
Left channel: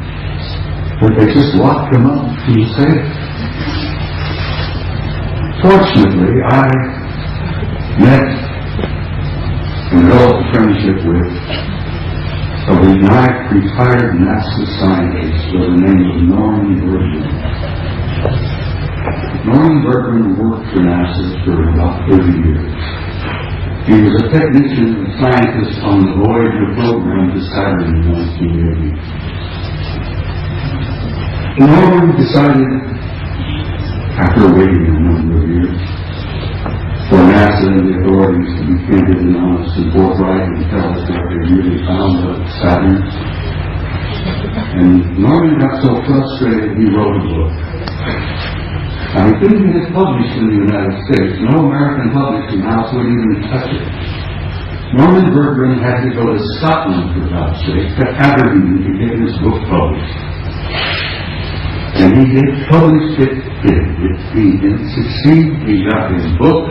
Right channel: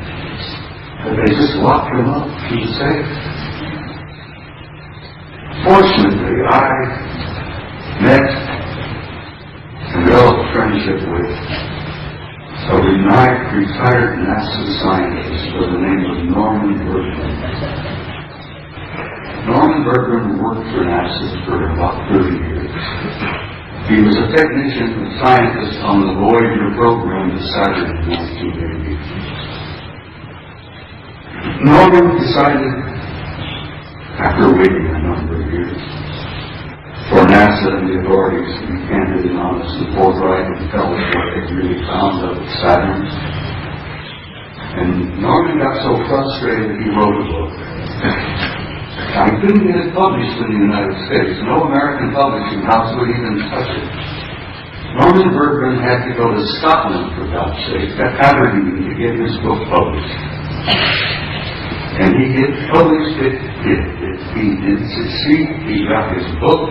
that they just locked them up in safe. Fortunately, I met and developed a friendship with a retired NASA scientist by the name of Norman Bergman. Norman Bergman worked for NASA for about 30 years. He was a technician and scientist on the Voyager program to Saturn in 1980. Norman decided, after waiting a number of years, for NASA and the authorities to be candid and honest and forthright and tell us what they really found of Saturn. And Norman got so frustrated he wrote a book. Now, he couldn't get it published in the United States. No American publishing house would even touch it. Norman Bergman had to go to Scotland, for God's sake, to Aberdeen to get his book published. And he did publish it. He did succeed. He got his book.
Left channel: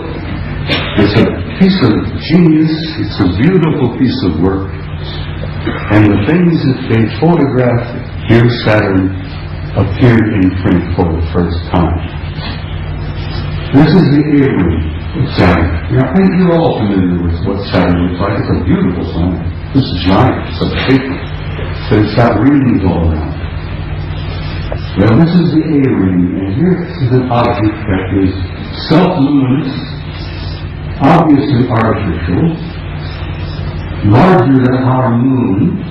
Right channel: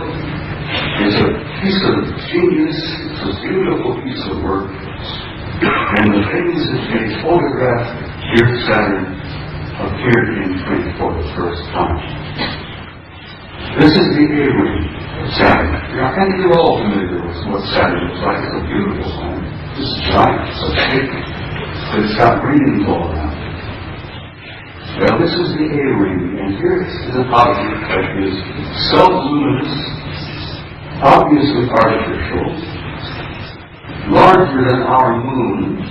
It's a piece of genius. It's a beautiful piece of work. And the things that they photographed here at Saturn appeared in print for the first time. This is the A-ring of Saturn. Now, I think you're all familiar with what Saturn is like. It's a beautiful planet. It's giant. It's a big, but it's got rings all around. Well, this is the A-ring, and here is an object that is self-luminous, obviously artificial, larger than our moon,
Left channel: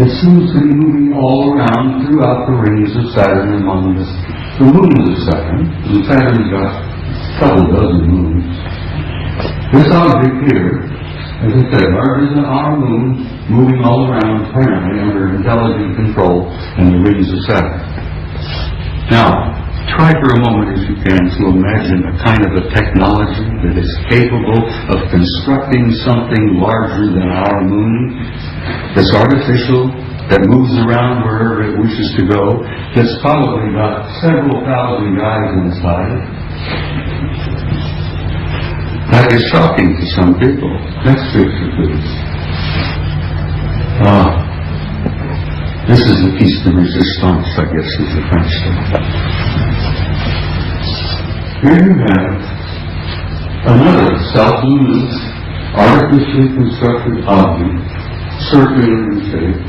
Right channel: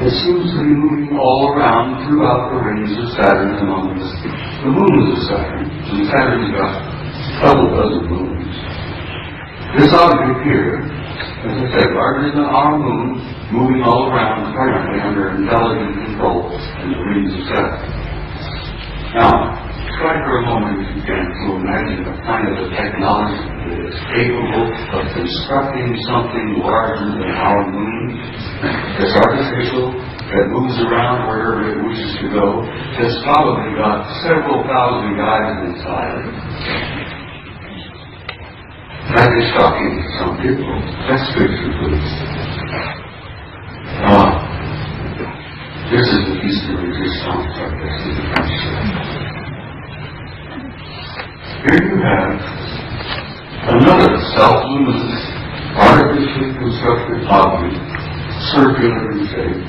that seems to be moving all around throughout the rings of Saturn and among the moons of Saturn. And Saturn's got a couple dozen moons. This object here, as I said, larger than our moon, moving all around apparently under intelligent control in the rings of Saturn. Now, try for a moment, if you can, to imagine a kind of a technology that is capable of constructing something larger than our moon, that's artificial, that moves around wherever it wishes to go, that's probably got several thousand guys inside. That is shocking to some people. That's good for foods. This is the piece de resistance, I guess, is the French term. Here you have another self-luminous, artificially constructed object, circular in shape,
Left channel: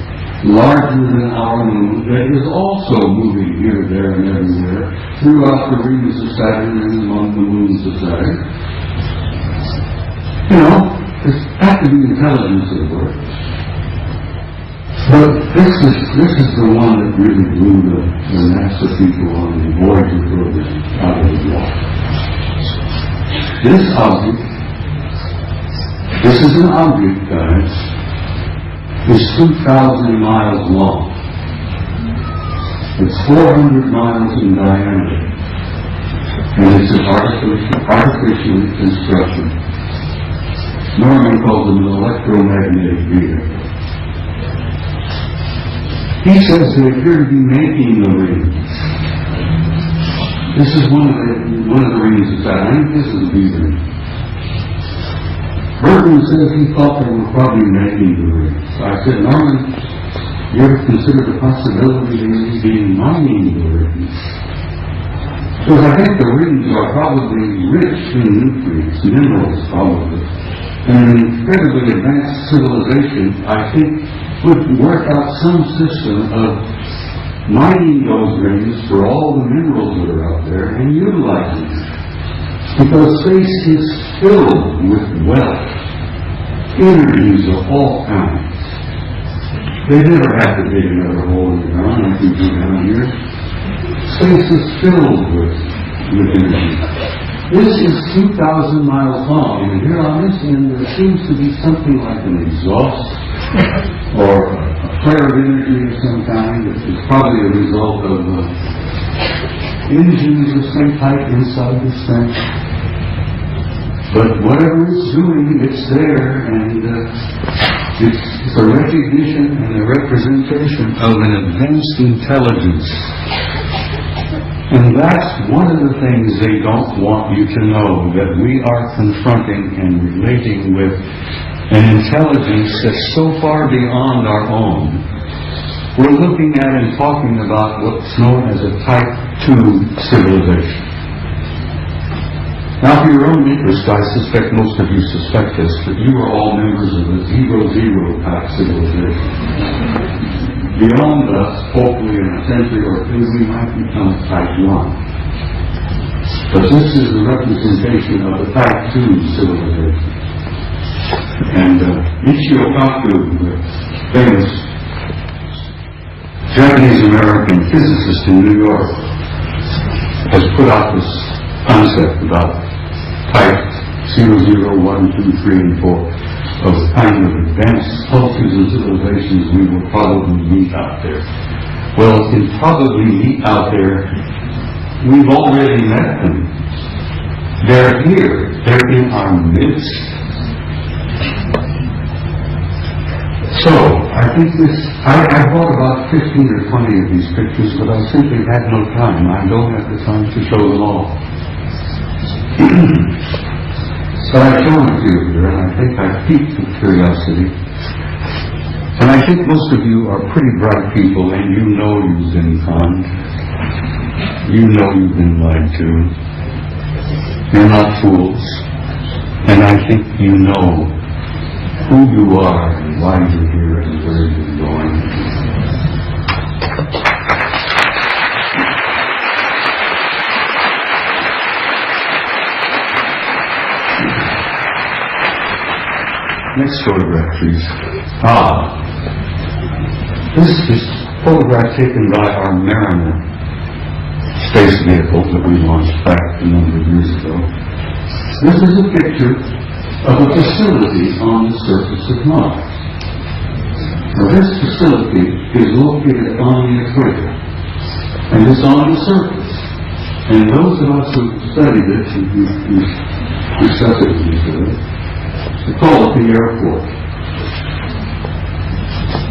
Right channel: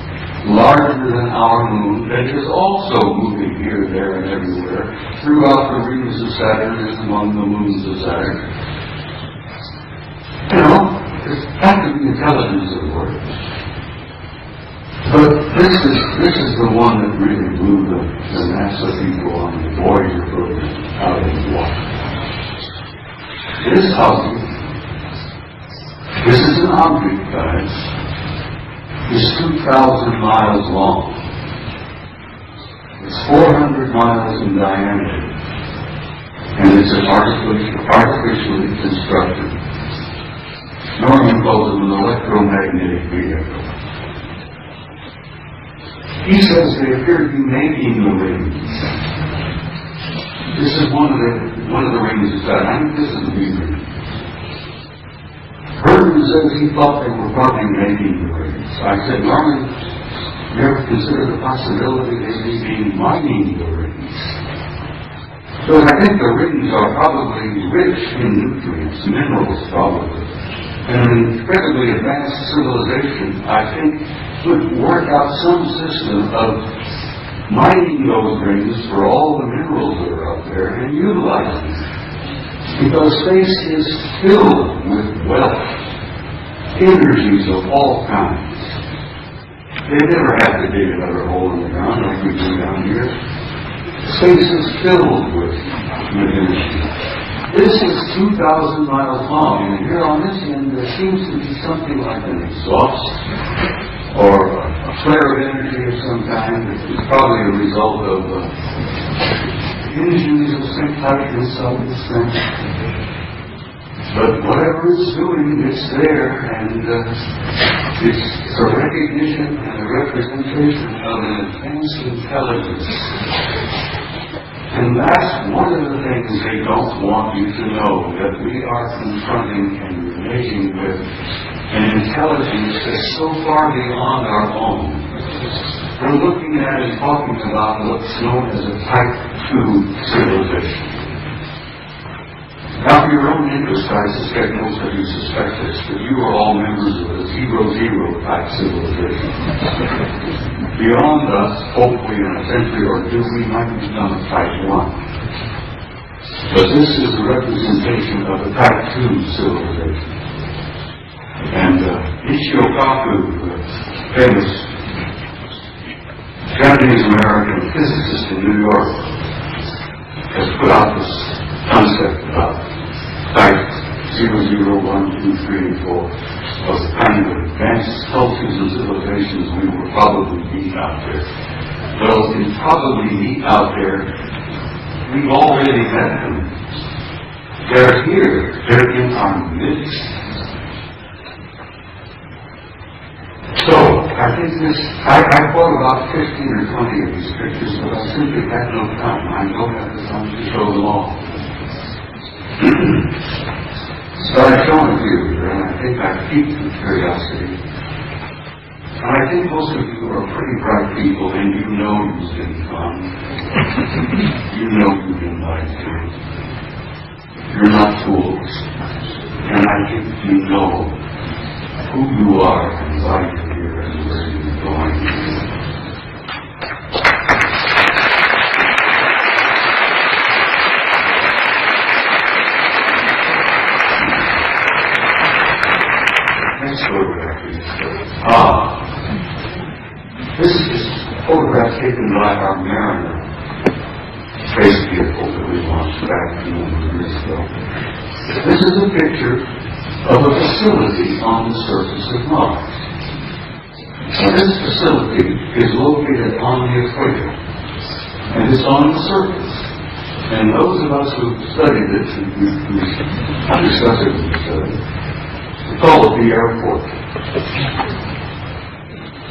larger than our moon, that is also moving here, there, and everywhere, throughout the rings of Saturn and among the moons of Saturn. You know, it's had to be intelligence at work. But this is the one that really blew the NASA people on the Voyager program out of the water. This is an object, guys, is 2,000 miles long. It's 400 miles in diameter. It's an artificially constructed. Norman calls it an electromagnetic vehicle. He says they appear to be making the rings. This is one of the rings he's got. I think this is the ring. Norman says he thought they were probably making the rings. I said, Norman, you ever consider the possibility of they being mining the rings? Because I think the rings are probably rich in nutrients, minerals probably. And an incredibly advanced civilization, I think, would work out some system of mining those rings for all the minerals that are out there and utilizing them. Because space is filled with wealth, energies of all kinds. They never have to dig another hole in the ground like we do down here. Space is filled with energy. This is 2,000 miles long, and here on this end there seems to be something like an exhaust or a flare of energy of some kind. It's probably a result of engines of some type inside this thing. But whatever it's doing, it's there, and it's a recognition and a representation of an advanced intelligence. And that's one of the things they don't want you to know, that we are confronting and relating with an intelligence that's so far beyond our own. We're looking at and talking about what's known as a Type 2 civilization. Now, for your own interest, I suspect most of you suspect this, that you are all members of the 0-0 type civilization. Beyond us, hopefully in a century or two, we might become Type 1. But this is the representation of the Type 2 civilization. And Michio Kaku, the famous Japanese-American physicist in New York, has put out this concept about Type 0, 1, 2, 3, and 4 of the kind of advanced cultures and civilizations we will probably meet out there. Well, we probably meet out there. We've already met them. They're here. They're in our midst. So, I think I bought about 15 or 20 of these pictures, but I simply had no time. I don't have the time to show them all. So I show them to you here, and I think I've piqued with curiosity. And I think most of you are pretty bright people, and you know you've been conned. You know you've been lied to. You're not fools. And I think you know who you are and why you're here and where you're going. Next photograph, please. This is a photograph taken by our Mariner space vehicle that we launched back a number of years ago. This is a picture of a facility on the surface of Mars. Now, this facility is located on the equator, and it's on the surface. And those of us who studied it, and we've discussed it with each other, called the airport.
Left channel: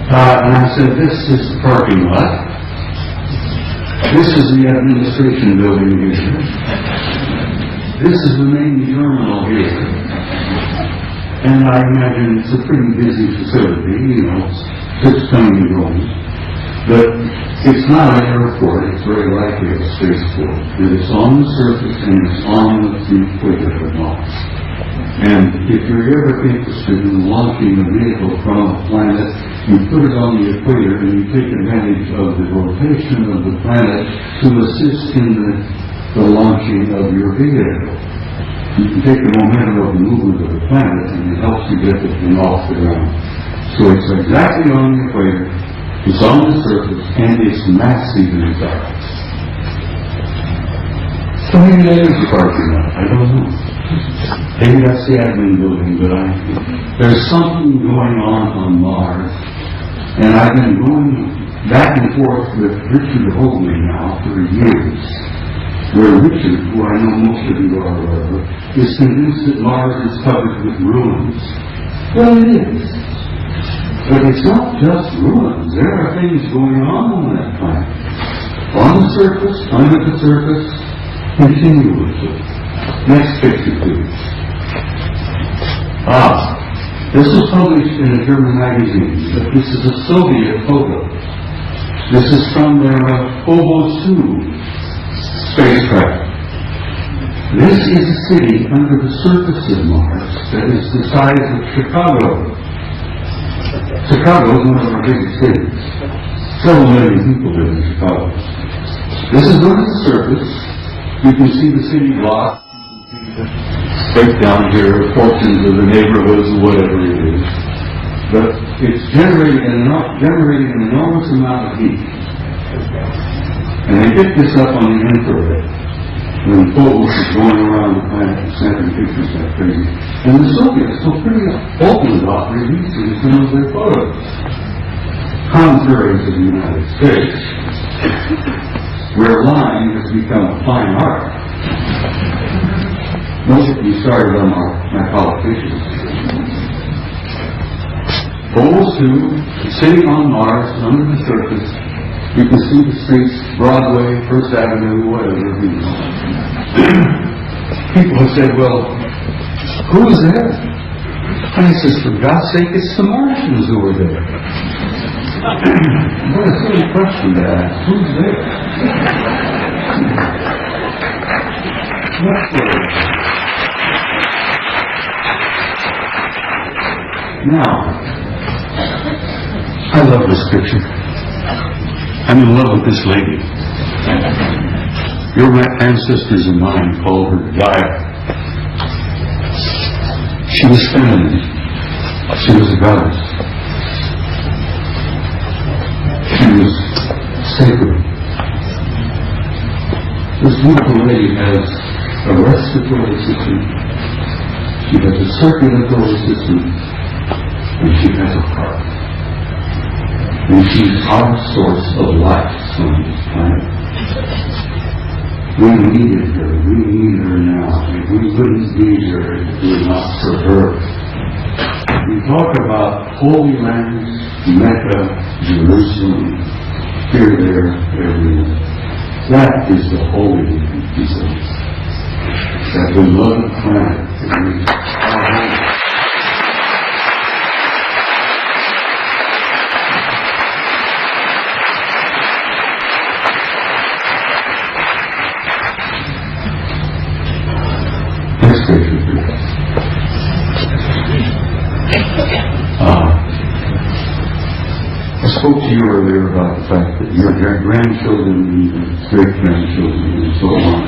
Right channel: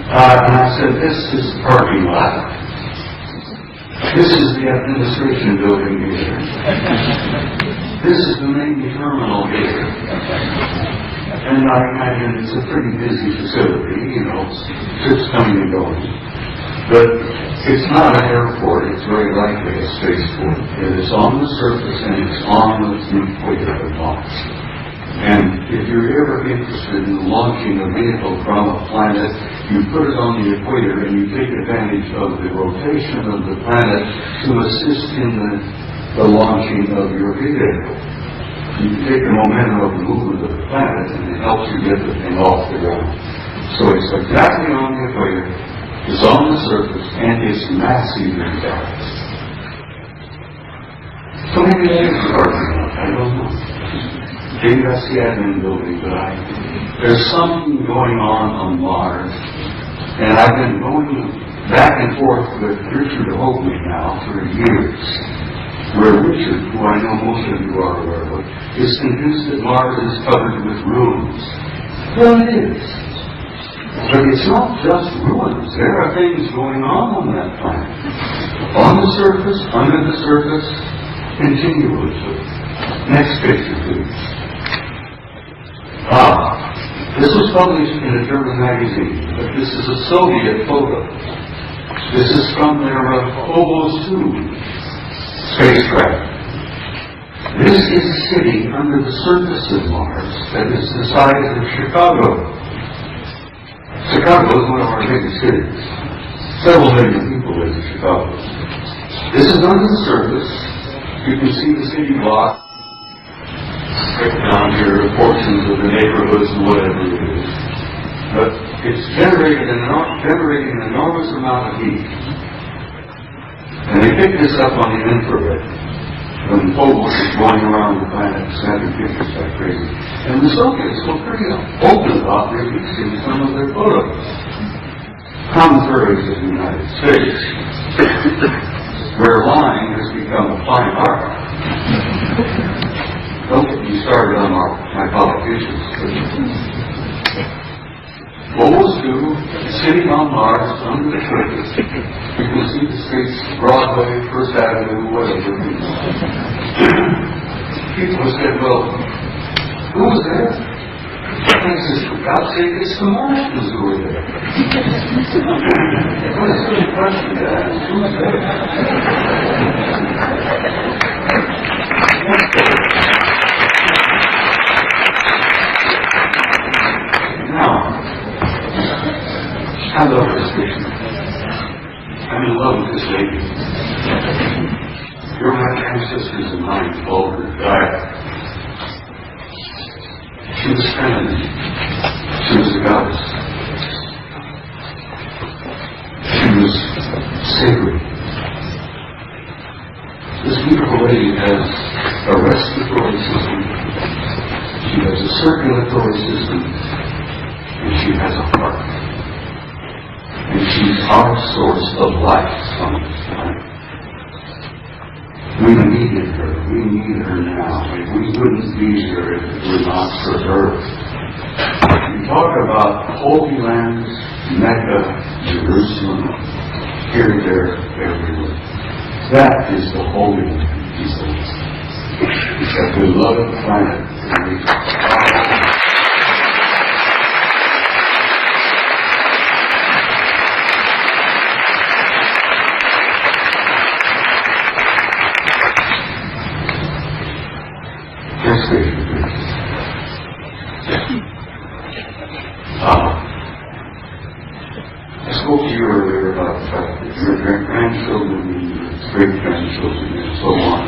And I said, this is the parking lot. This is the administration building here. This is the Navy terminal here. And I imagine it's a pretty busy facility, it's coming and going. But it's not an airport, it's very likely a spaceport. It's on the surface and it's on the equator of Mars. And if you're ever interested in launching a vehicle from a planet, you put it on the equator and you take advantage of the rotation of the planet to assist in the launching of your vehicle. You can take the momentum of the movement of the planet and it helps you get the thing off the ground. So it's exactly on the equator, it's on the surface, and it's massively fast. So maybe that is the parking lot, I don't know. Maybe that's the admin building, but there's something going on Mars. And I've been going back and forth with Richard Hoagley now for years. where Richard, who I know most of you are aware of, is convinced that Mars is covered with ruins. Well, it is. But it's not just ruins. There are things going on that planet. On the surface, under the surface, continuously. Next picture, please. This was published in a German magazine, but this is a Soviet photo. This is from their Ufo spacecraft. This is a city under the surface of Mars that is the size of Chicago. Chicago is one of our big cities. Several million people live in Chicago. This is on the surface. You can see the city block. Breakdown here, portions of the neighborhoods, whatever it is. But it's generating an enormous amount of heat. And they picked this up on the infrared when Phobos was going around the planet snapping pictures like crazy. And the Soviets were pretty open about their use of some of their photos. Contrary to the United States, where lying has become a fine art. Note that we started on our politicians. Phobos 2, sitting on Mars, under the surface, you can see the streets, Broadway, First Avenue, whatever it is. People have said, well, who was there? And I said, for God's sake, it's the Martians who were there. What a silly question to ask. Who's there? Now, I love this picture. I'm in love with this lady. Your ancestors and mine called her Gaia. She was feminine. She was a goddess. She was sacred. This beautiful lady has a respiratory system. She has a circulatory system. And she has a heart. And she's our source of life on this planet. We needed her. We need her now. We wouldn't be here if it were not for her. We talk about Holy Land, Mecca, Jerusalem, here, there, everywhere. That is the Holy Land. That beloved planet. I spoke to you earlier about the fact that your grandchildren and great-grandchildren and so on,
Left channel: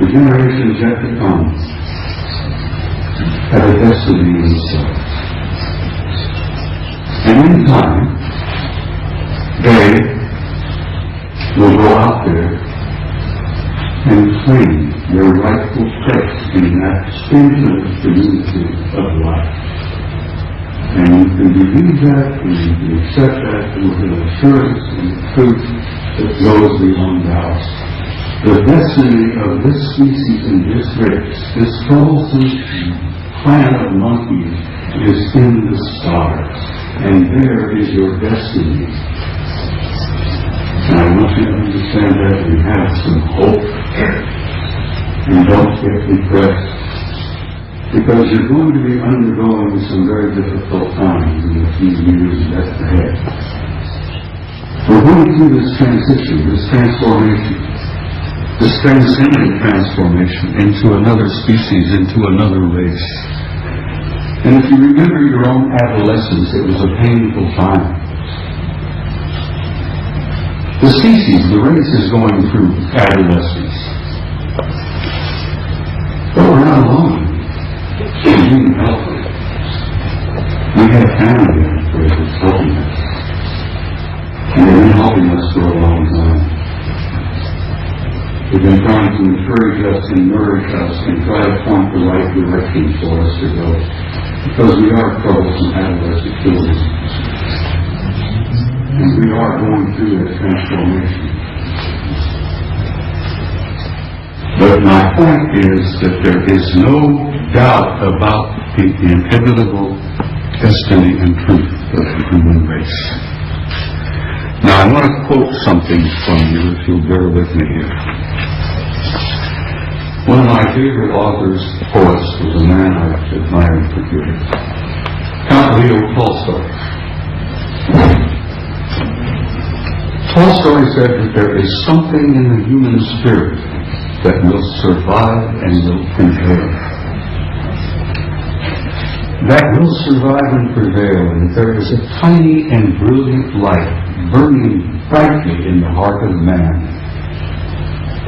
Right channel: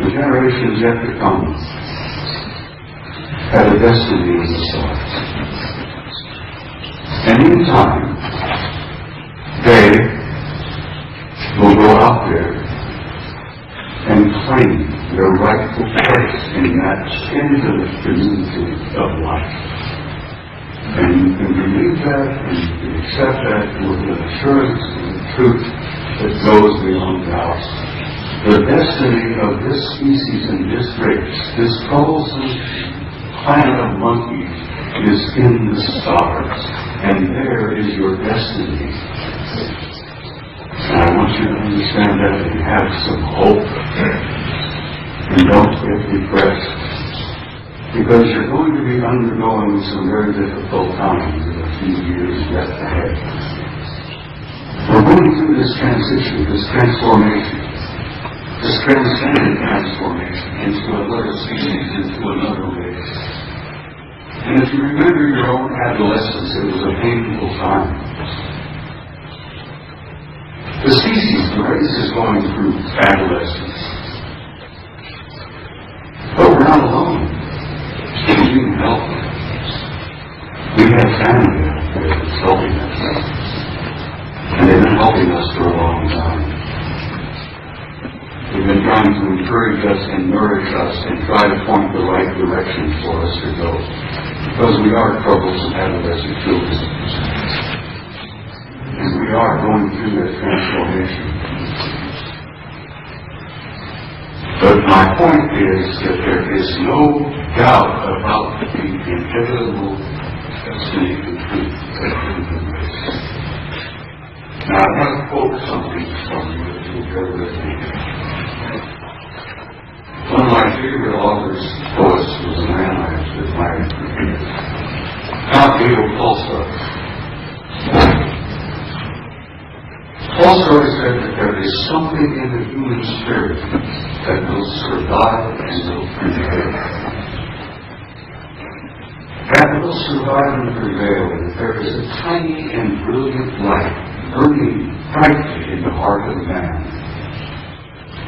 the generations yet to come have a destiny in the stars. And in time, they will go out there and claim their rightful place in that infinite community of life. And you can believe that, and you can accept that with an assurance and truth that goes beyond doubt. The destiny of this species and this race, this troublesome planet of monkeys, is in the stars. And there is your destiny. And I want you to understand that you have some hope. And don't get depressed. Because you're going to be undergoing some very difficult times in a few years yet ahead. We're going through this transition, this transformation, this transcendent transformation into another species, into another race. And if you remember your own adolescence, it was a painful time. The species, the race, is going through adolescence. But we're not alone. We need help. We have family that is helping us. And they've been helping us for a long time. They've been trying to encourage us and nourish us and try to point the right direction for us to go. Because we are troublesome adolescent children. And we are going through this transformation. But my point is that there is no doubt about the inevitable destiny and truth of the human race. Now, I want to quote something from you, if you'll bear with me here. One of my favorite authors, poets, was a man I admired for years, Count Tolstoy. Tolstoy said that there is something in the human spirit that will survive and will prevail. That will survive and prevail, and there is a tiny and brilliant light burning brightly in the heart of man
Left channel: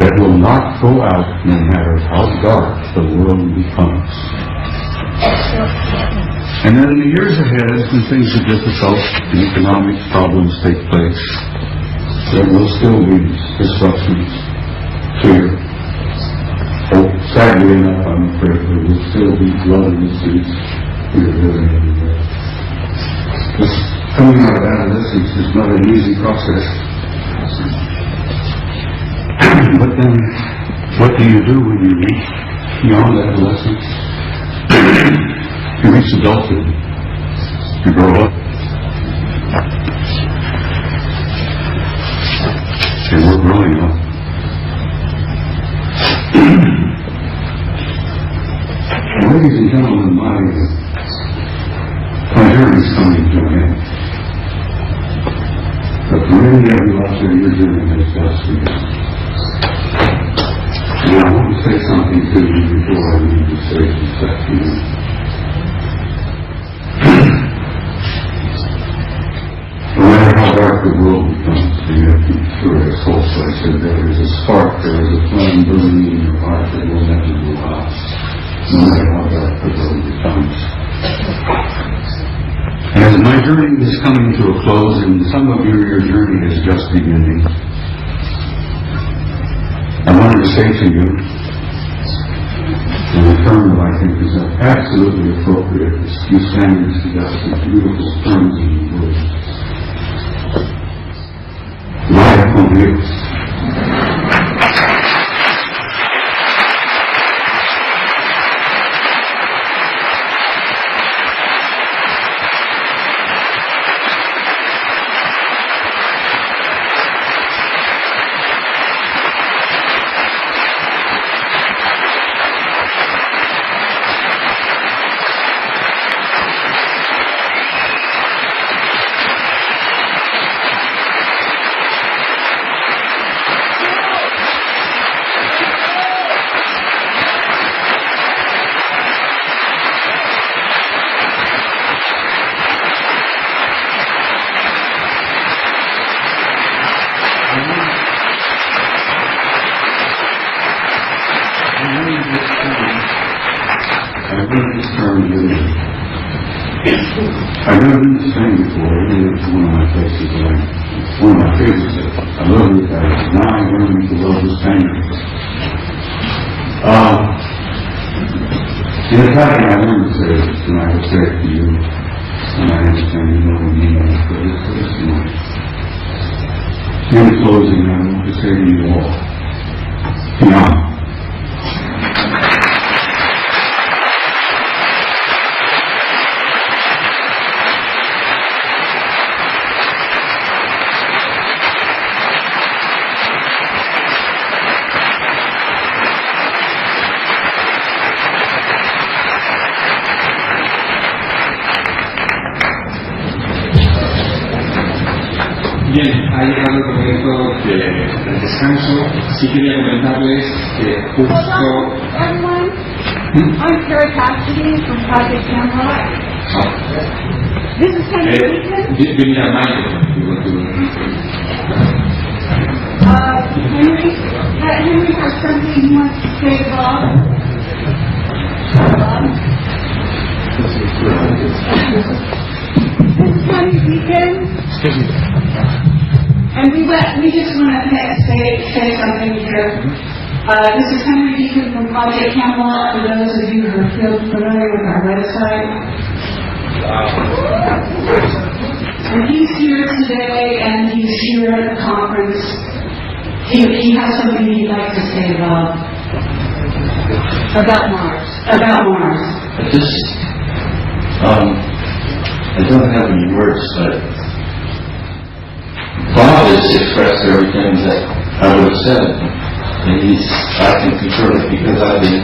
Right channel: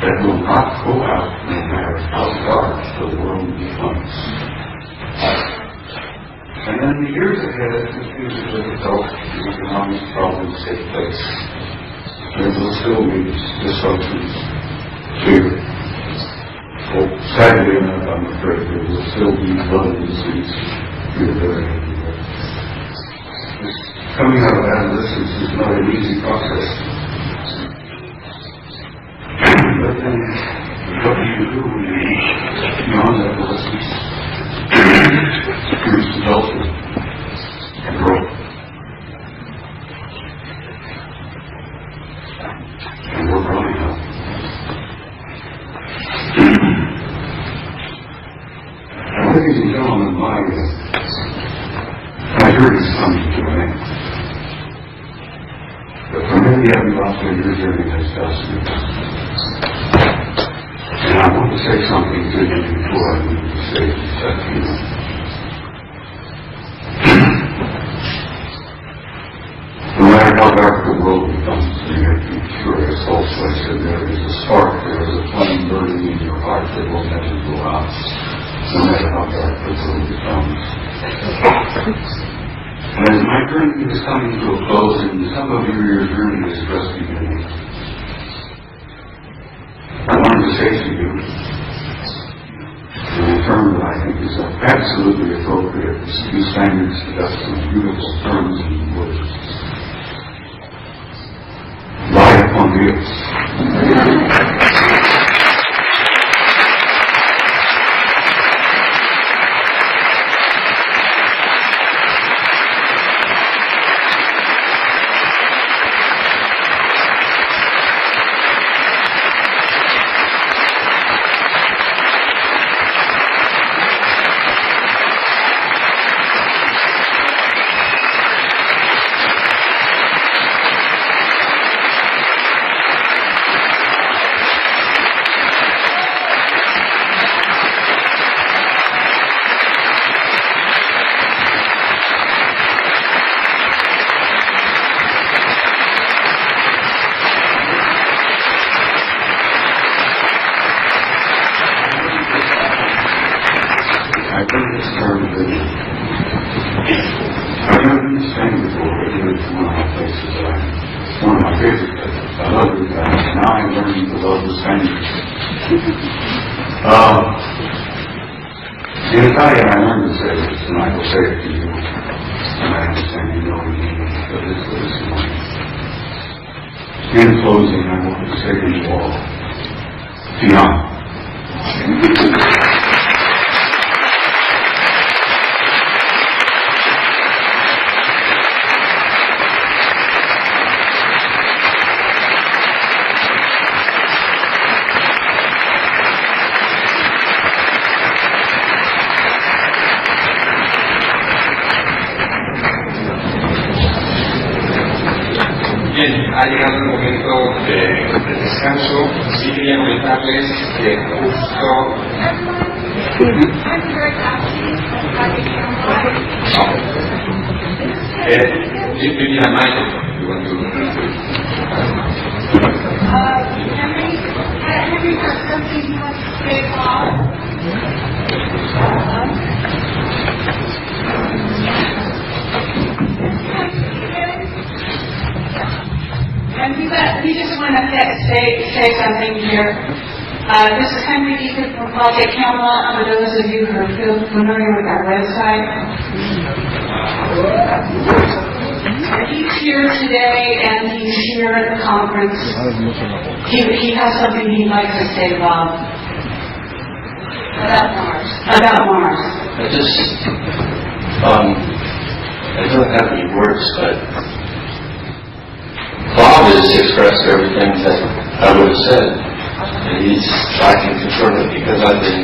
that will not go out no matter how dark the world becomes. And then in the years ahead, when things are difficult and economic problems take place, there will still be disruptions, fear. But sadly enough, I'm afraid there will still be blood and disease. This coming out of adolescence is not an easy process. But then, what do you do when you reach beyond adolescence? You reach adulthood. You grow up. And we're growing up. Ladies and gentlemen, my journey is coming to an end. But for many of you out there, your journey has just begun. And I want to say something to you before I move to say that to you. No matter how dark the world becomes, and you have to be sure, as Tolstoy said, there is a spark, there is a flame burning in your heart that will never go out, no matter how dark the world becomes. And as my journey is coming to a close, and some of you, your journey is just beginning, I wanted to say to you, in a term that I think is absolutely appropriate, you stand and suggest the beautiful terms of the word. Life on wheels. I've never been to Spain before. It's one of my places that one of my favorites. I love it. Now I'm learning to love the Spanish. In Italian, I learned to say this, and I will say it to you, and I understand you know the meaning of it, but it's similar. In closing, I want to say to you all, Bien, ha llegado el momento de descanso. Sí quería comentarles que justo... I'm very happy from Project Camera. This is give me a mic. Henry has something he wants to say about. This coming weekend. And we just want to say something here. This is Henry Deacon from Project Camelot, for those of you who are familiar with our website. And he's here today, and he's here at the conference. He has something he'd like to say about About Mars. About Mars. I don't have any words, but Bob just expressed everything that I would have said. And I can confirm it because I've been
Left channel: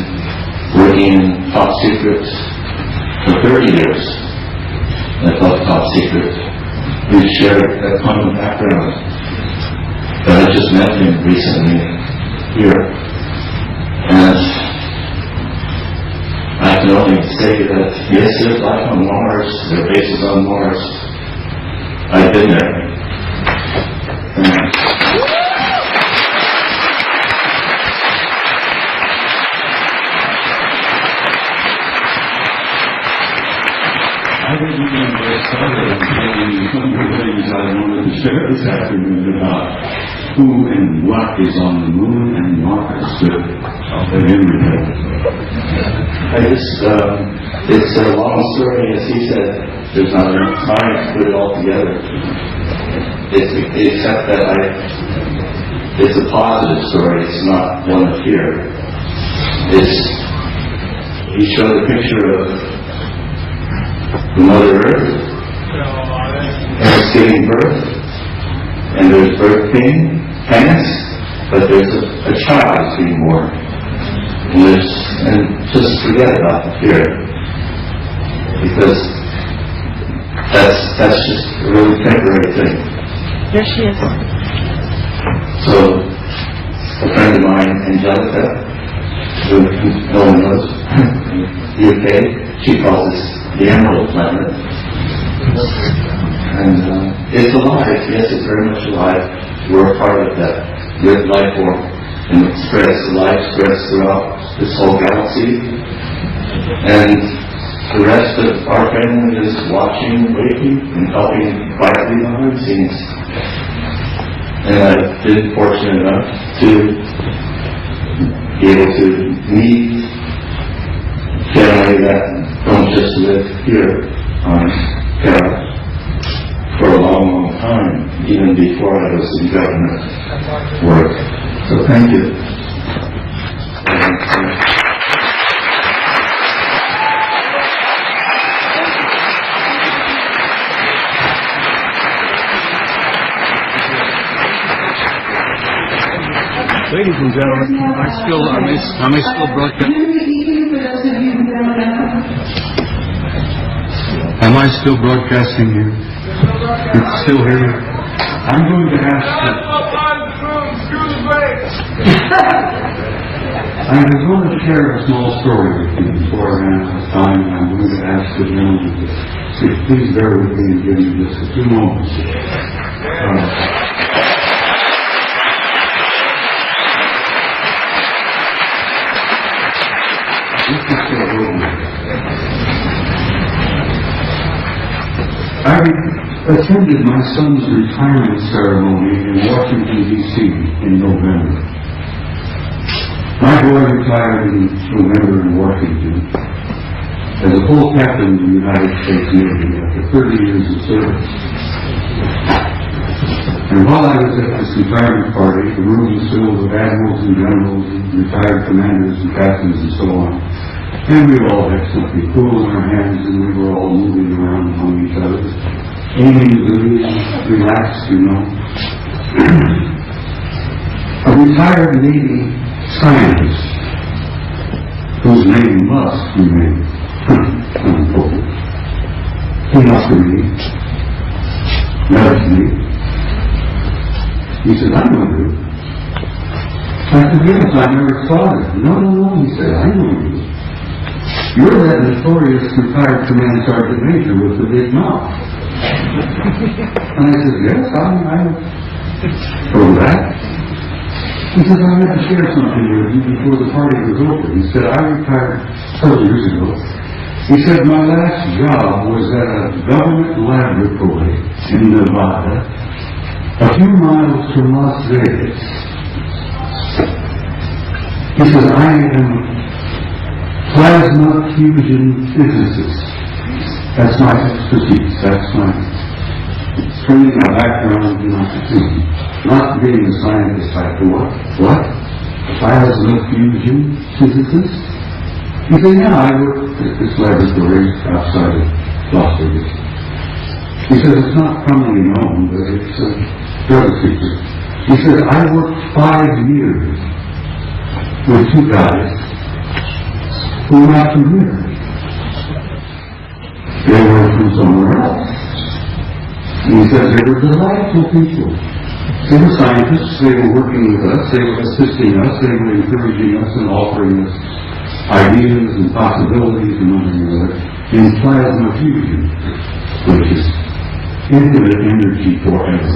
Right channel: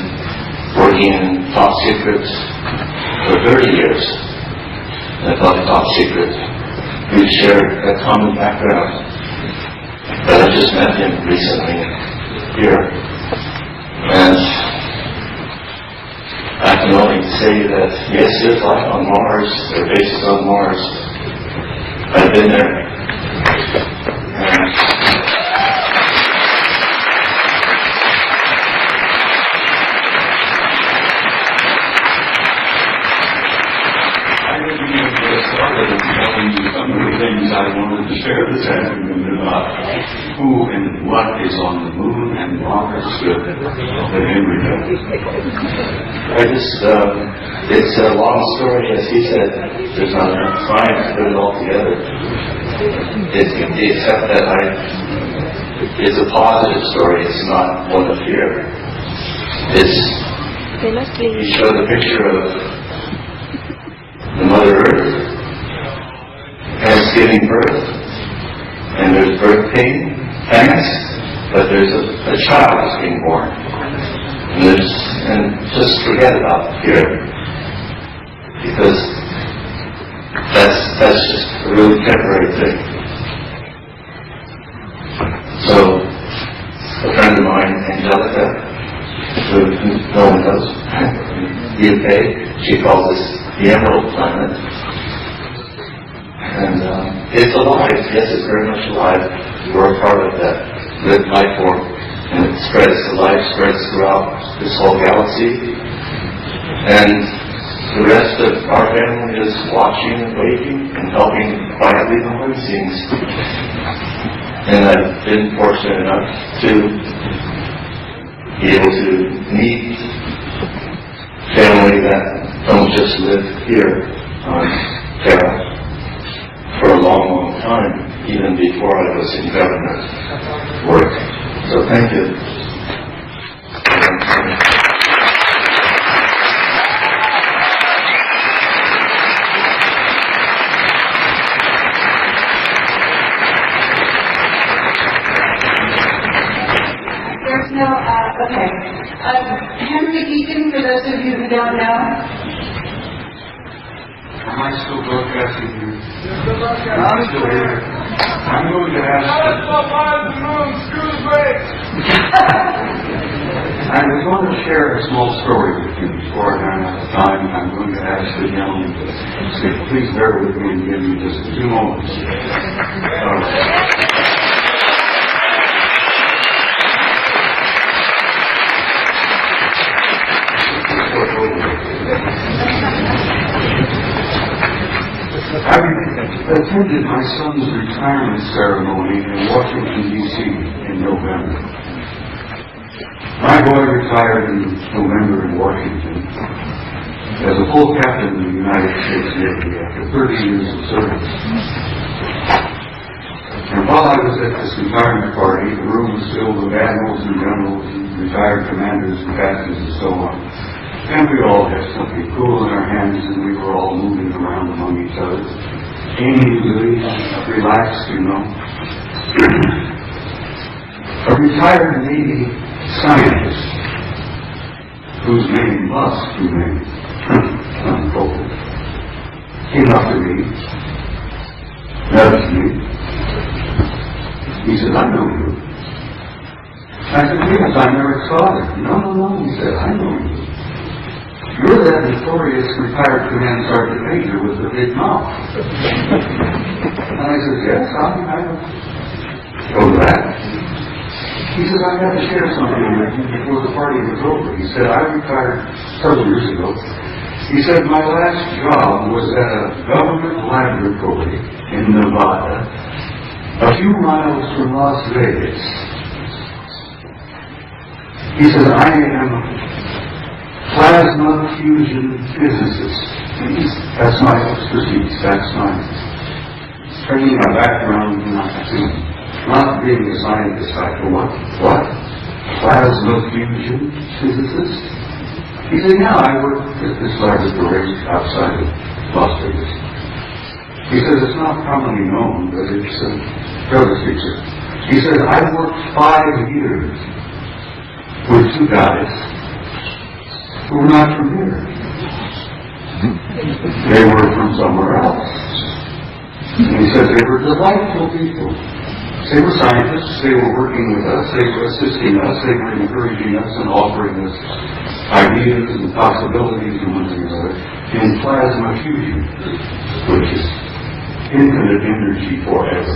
working in top secrets for 30 years. At top secret. We share a common background. But I just met him recently here. And I can only say that yes, there's life on Mars, there are bases on Mars. I've been there. I didn't even get started in telling you some of the things I wanted to share this afternoon about who and what is on the moon and Mars with the embryo. It's a long story, as he said. There's not enough time to put it all together. Except that it's a positive story. It's not one of fear. He showed a picture of Mother Earth, and it's giving birth, and there's birth pains, but there's a child that's being born. And just forget about the fear, because that's just a real temporary thing. There she is. So, a friend of mine, Angelica, who no one knows, the UK, she calls us the Emerald Planet. And it's alive, yes, it's very much alive. We're a part of that good life form, and it spreads, the life spreads throughout this whole galaxy. And the rest of our family is watching and waiting and helping quietly behind the scenes. And I've been fortunate enough to be able to meet family that don't just live here on Terra for a long, long time, even before I was in government work. So thank you. Ladies and gentlemen, am I still broadcasting? Henry Eaton, for those of you who don't know. Am I still broadcasting here? It's still here. I'm going to ask I was going to share a small story with you before I run out of time. I'm going to ask the gentleman to please bear with me again in just a few moments. I attended my son's retirement ceremony in Washington, D.C. in November. My boy retired in November in Washington as a full captain of the United States Navy after 30 years of service. And while I was at this retirement party, the room was filled with admirals and generals and retired commanders and captains and so on. And we all had something cool in our hands, and we were all moving around among each other. Aimlessly, relaxed, you know. A retired Navy scientist, whose name must remain unquoted, came up to me, nudged me. He said, "I know you." I said, "Yes, I never saw it." No, he said, "I know you. You're that notorious retired command sergeant major with the big mouth." And I said, "Yes, I know." "Oh, that?" He said, "I have to share something with you before the party was over." He said, "I retired several years ago." He said, "My last job was at a government laboratory in Nevada, a few miles from Las Vegas." He said, "I am plasma fusion physicist. That's my expertise. That's my training, my background, not being a scientist. I thought, what? Plasma fusion physicist? He said, yeah, I worked at this laboratory outside of Las Vegas. He said, it's not commonly known, but it's relative. He said, I worked 5 years with 2 guys who were not from here. They were from somewhere else. And he said, they were delightful people. They were scientists, they were working with us, they were assisting us, they were encouraging us and offering us ideas and possibilities and nothing other in plasma fusion, which is infinite energy forever.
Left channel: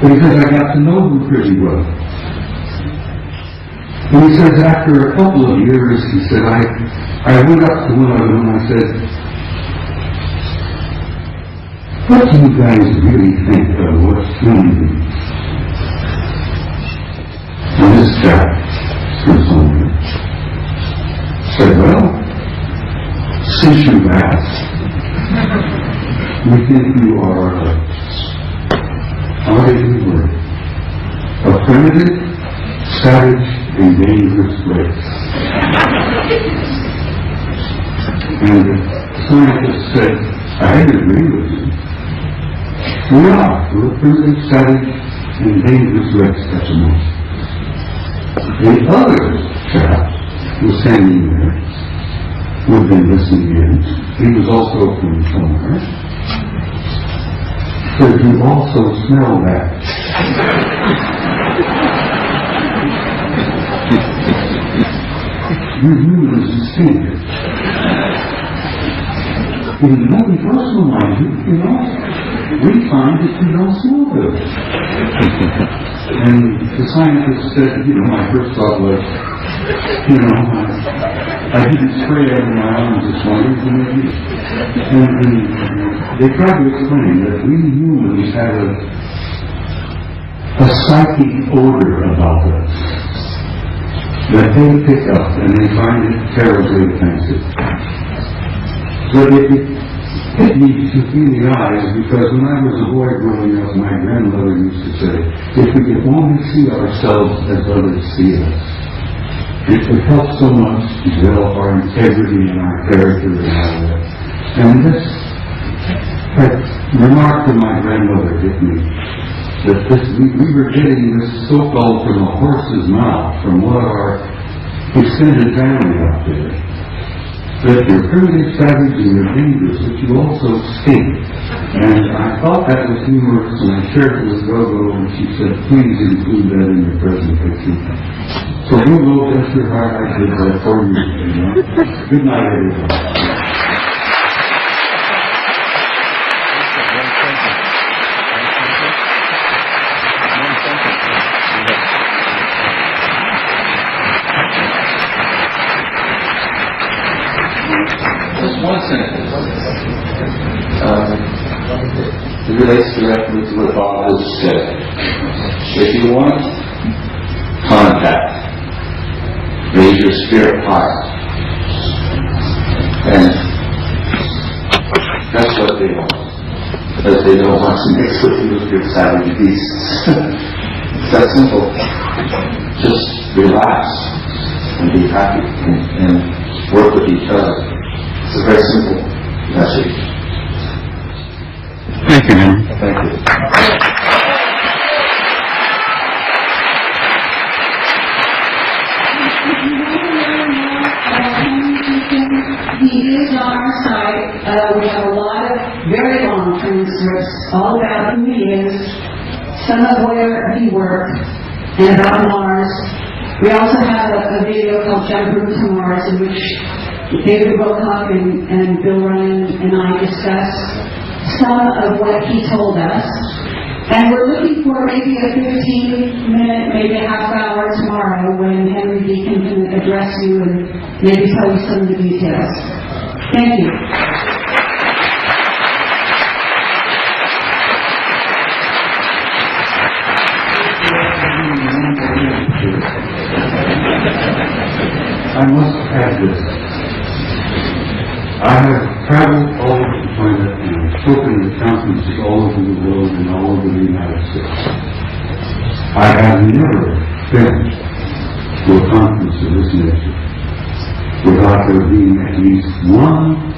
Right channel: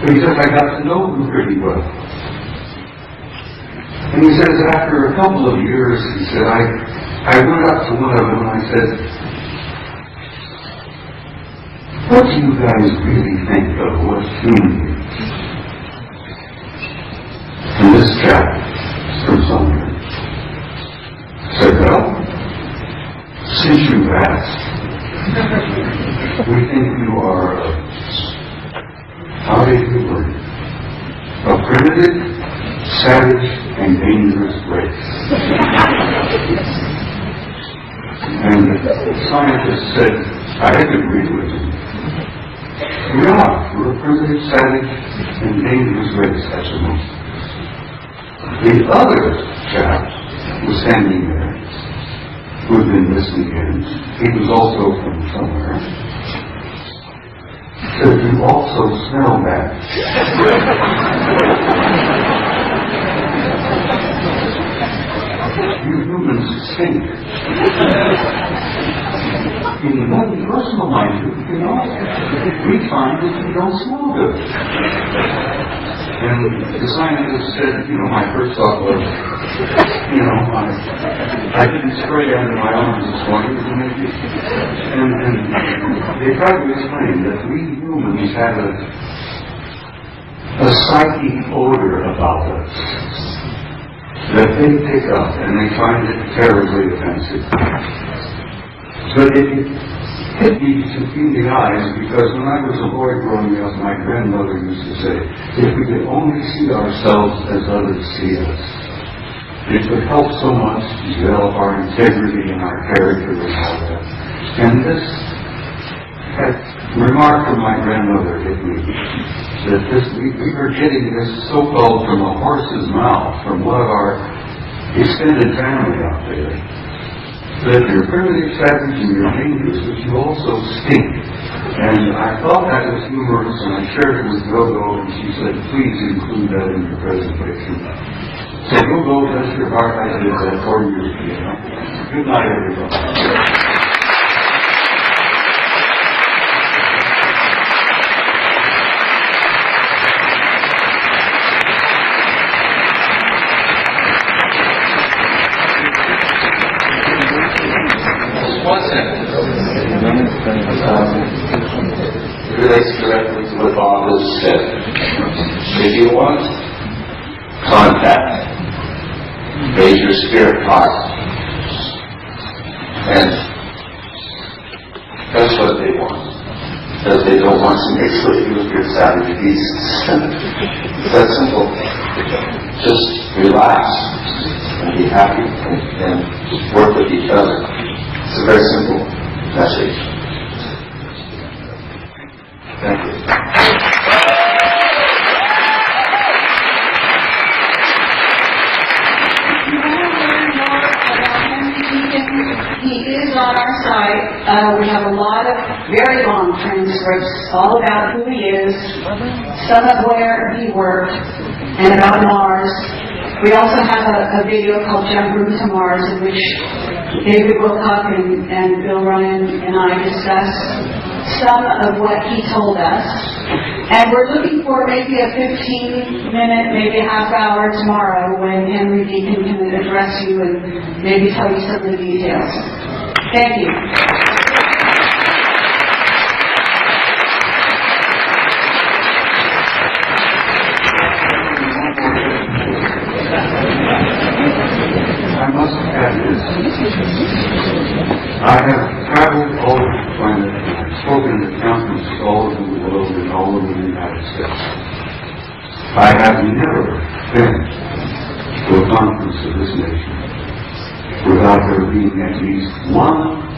But he said, I got to know them pretty well. And he said, after a couple of years, he said, I went up to one of them and I said, what do you guys really think of what human is? And this chap, Smithsonian, said, well, since you've asked, we think you are how do you word? A primitive, savage, and dangerous race. And the scientist said, I didn't agree with him. We are. We're a primitive, savage, and dangerous race at the moment. The other chap was standing there, who had been listening in. He was also from somewhere. Could you also smell that? You humans stink. In nothing personal, mind you know, we find that you don't smell good. And the scientist said, my first thought was, I didn't spray under my arms this morning, and they tried to explain that we humans have a psychic odor about us that they pick up and they find it terribly offensive. But it hit me between the eyes because when I was a boy growing up, my grandmother used to say, if we could only see ourselves as others see us, it would help so much to develop our integrity and our character and all that. And this remark of my grandmother hit me, that we were getting this so-called from a horse's mouth, from one of our extended family out there, that you're primitive, savage, and you're dangerous, but you also stink. And I thought that was humorous, and I shared it with Gogo, and she said, please include that in your presentation. So Gogo, bless your heart, I did that for you. Good night, everybody. One sentence. It relates directly to what Bob has said. If you want contact, raise your spirit heart. And that's what they want. Because they don't want to mix with you with your savage beasts. It's that simple. Just relax and be happy and work with each other. It's a very simple message. Thank you, Henry. Thank you. He is on our site. We have a lot of very long transcripts all about who he is, some of where he worked, and about Mars. We also have a video called Jump Room to Mars, in which David Wilcock and Bill Ryan and I discussed some of what he told us. And we're looking for maybe a 15-minute, maybe a half hour tomorrow when Henry Deacon can address you and maybe tell you some of the details. Thank you. I must add this. I have traveled all over the planet and spoken at conferences all over the world and all over the United States. I have never been to a conference of this nature. without there being at least one,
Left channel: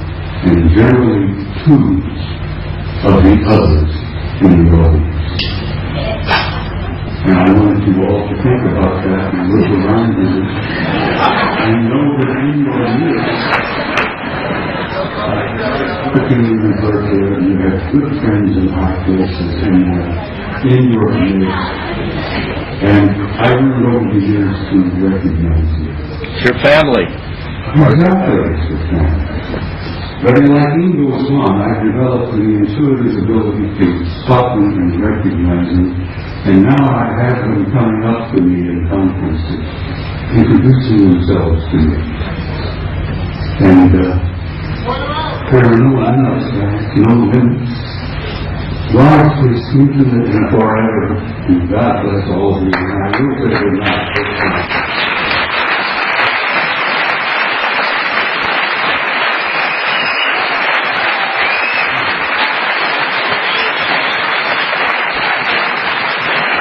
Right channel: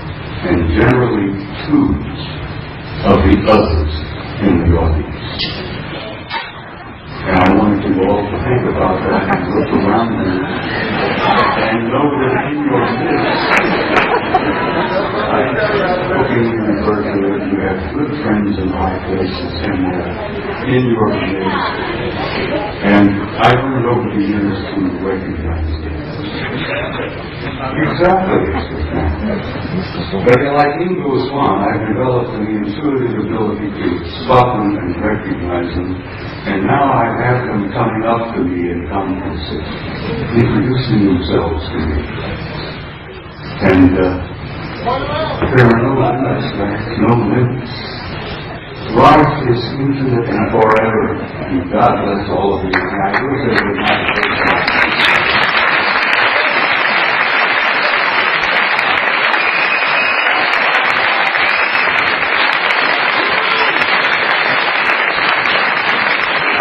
and generally two, of the others in the audience. And I want you all to think about that and look around you and know that in your midst, looking in the virtual, you have good friends in high places and in your midst. And I learned over the years to recognize it. Your family. Exactly. But like Ingo was on, I developed an intuitive ability to spot them and recognize them. And now I have them coming up to me in conferences, introducing themselves to me. And there are no nuts, no limits. Life is infinite and forever. And God bless all of you. And I will say good night.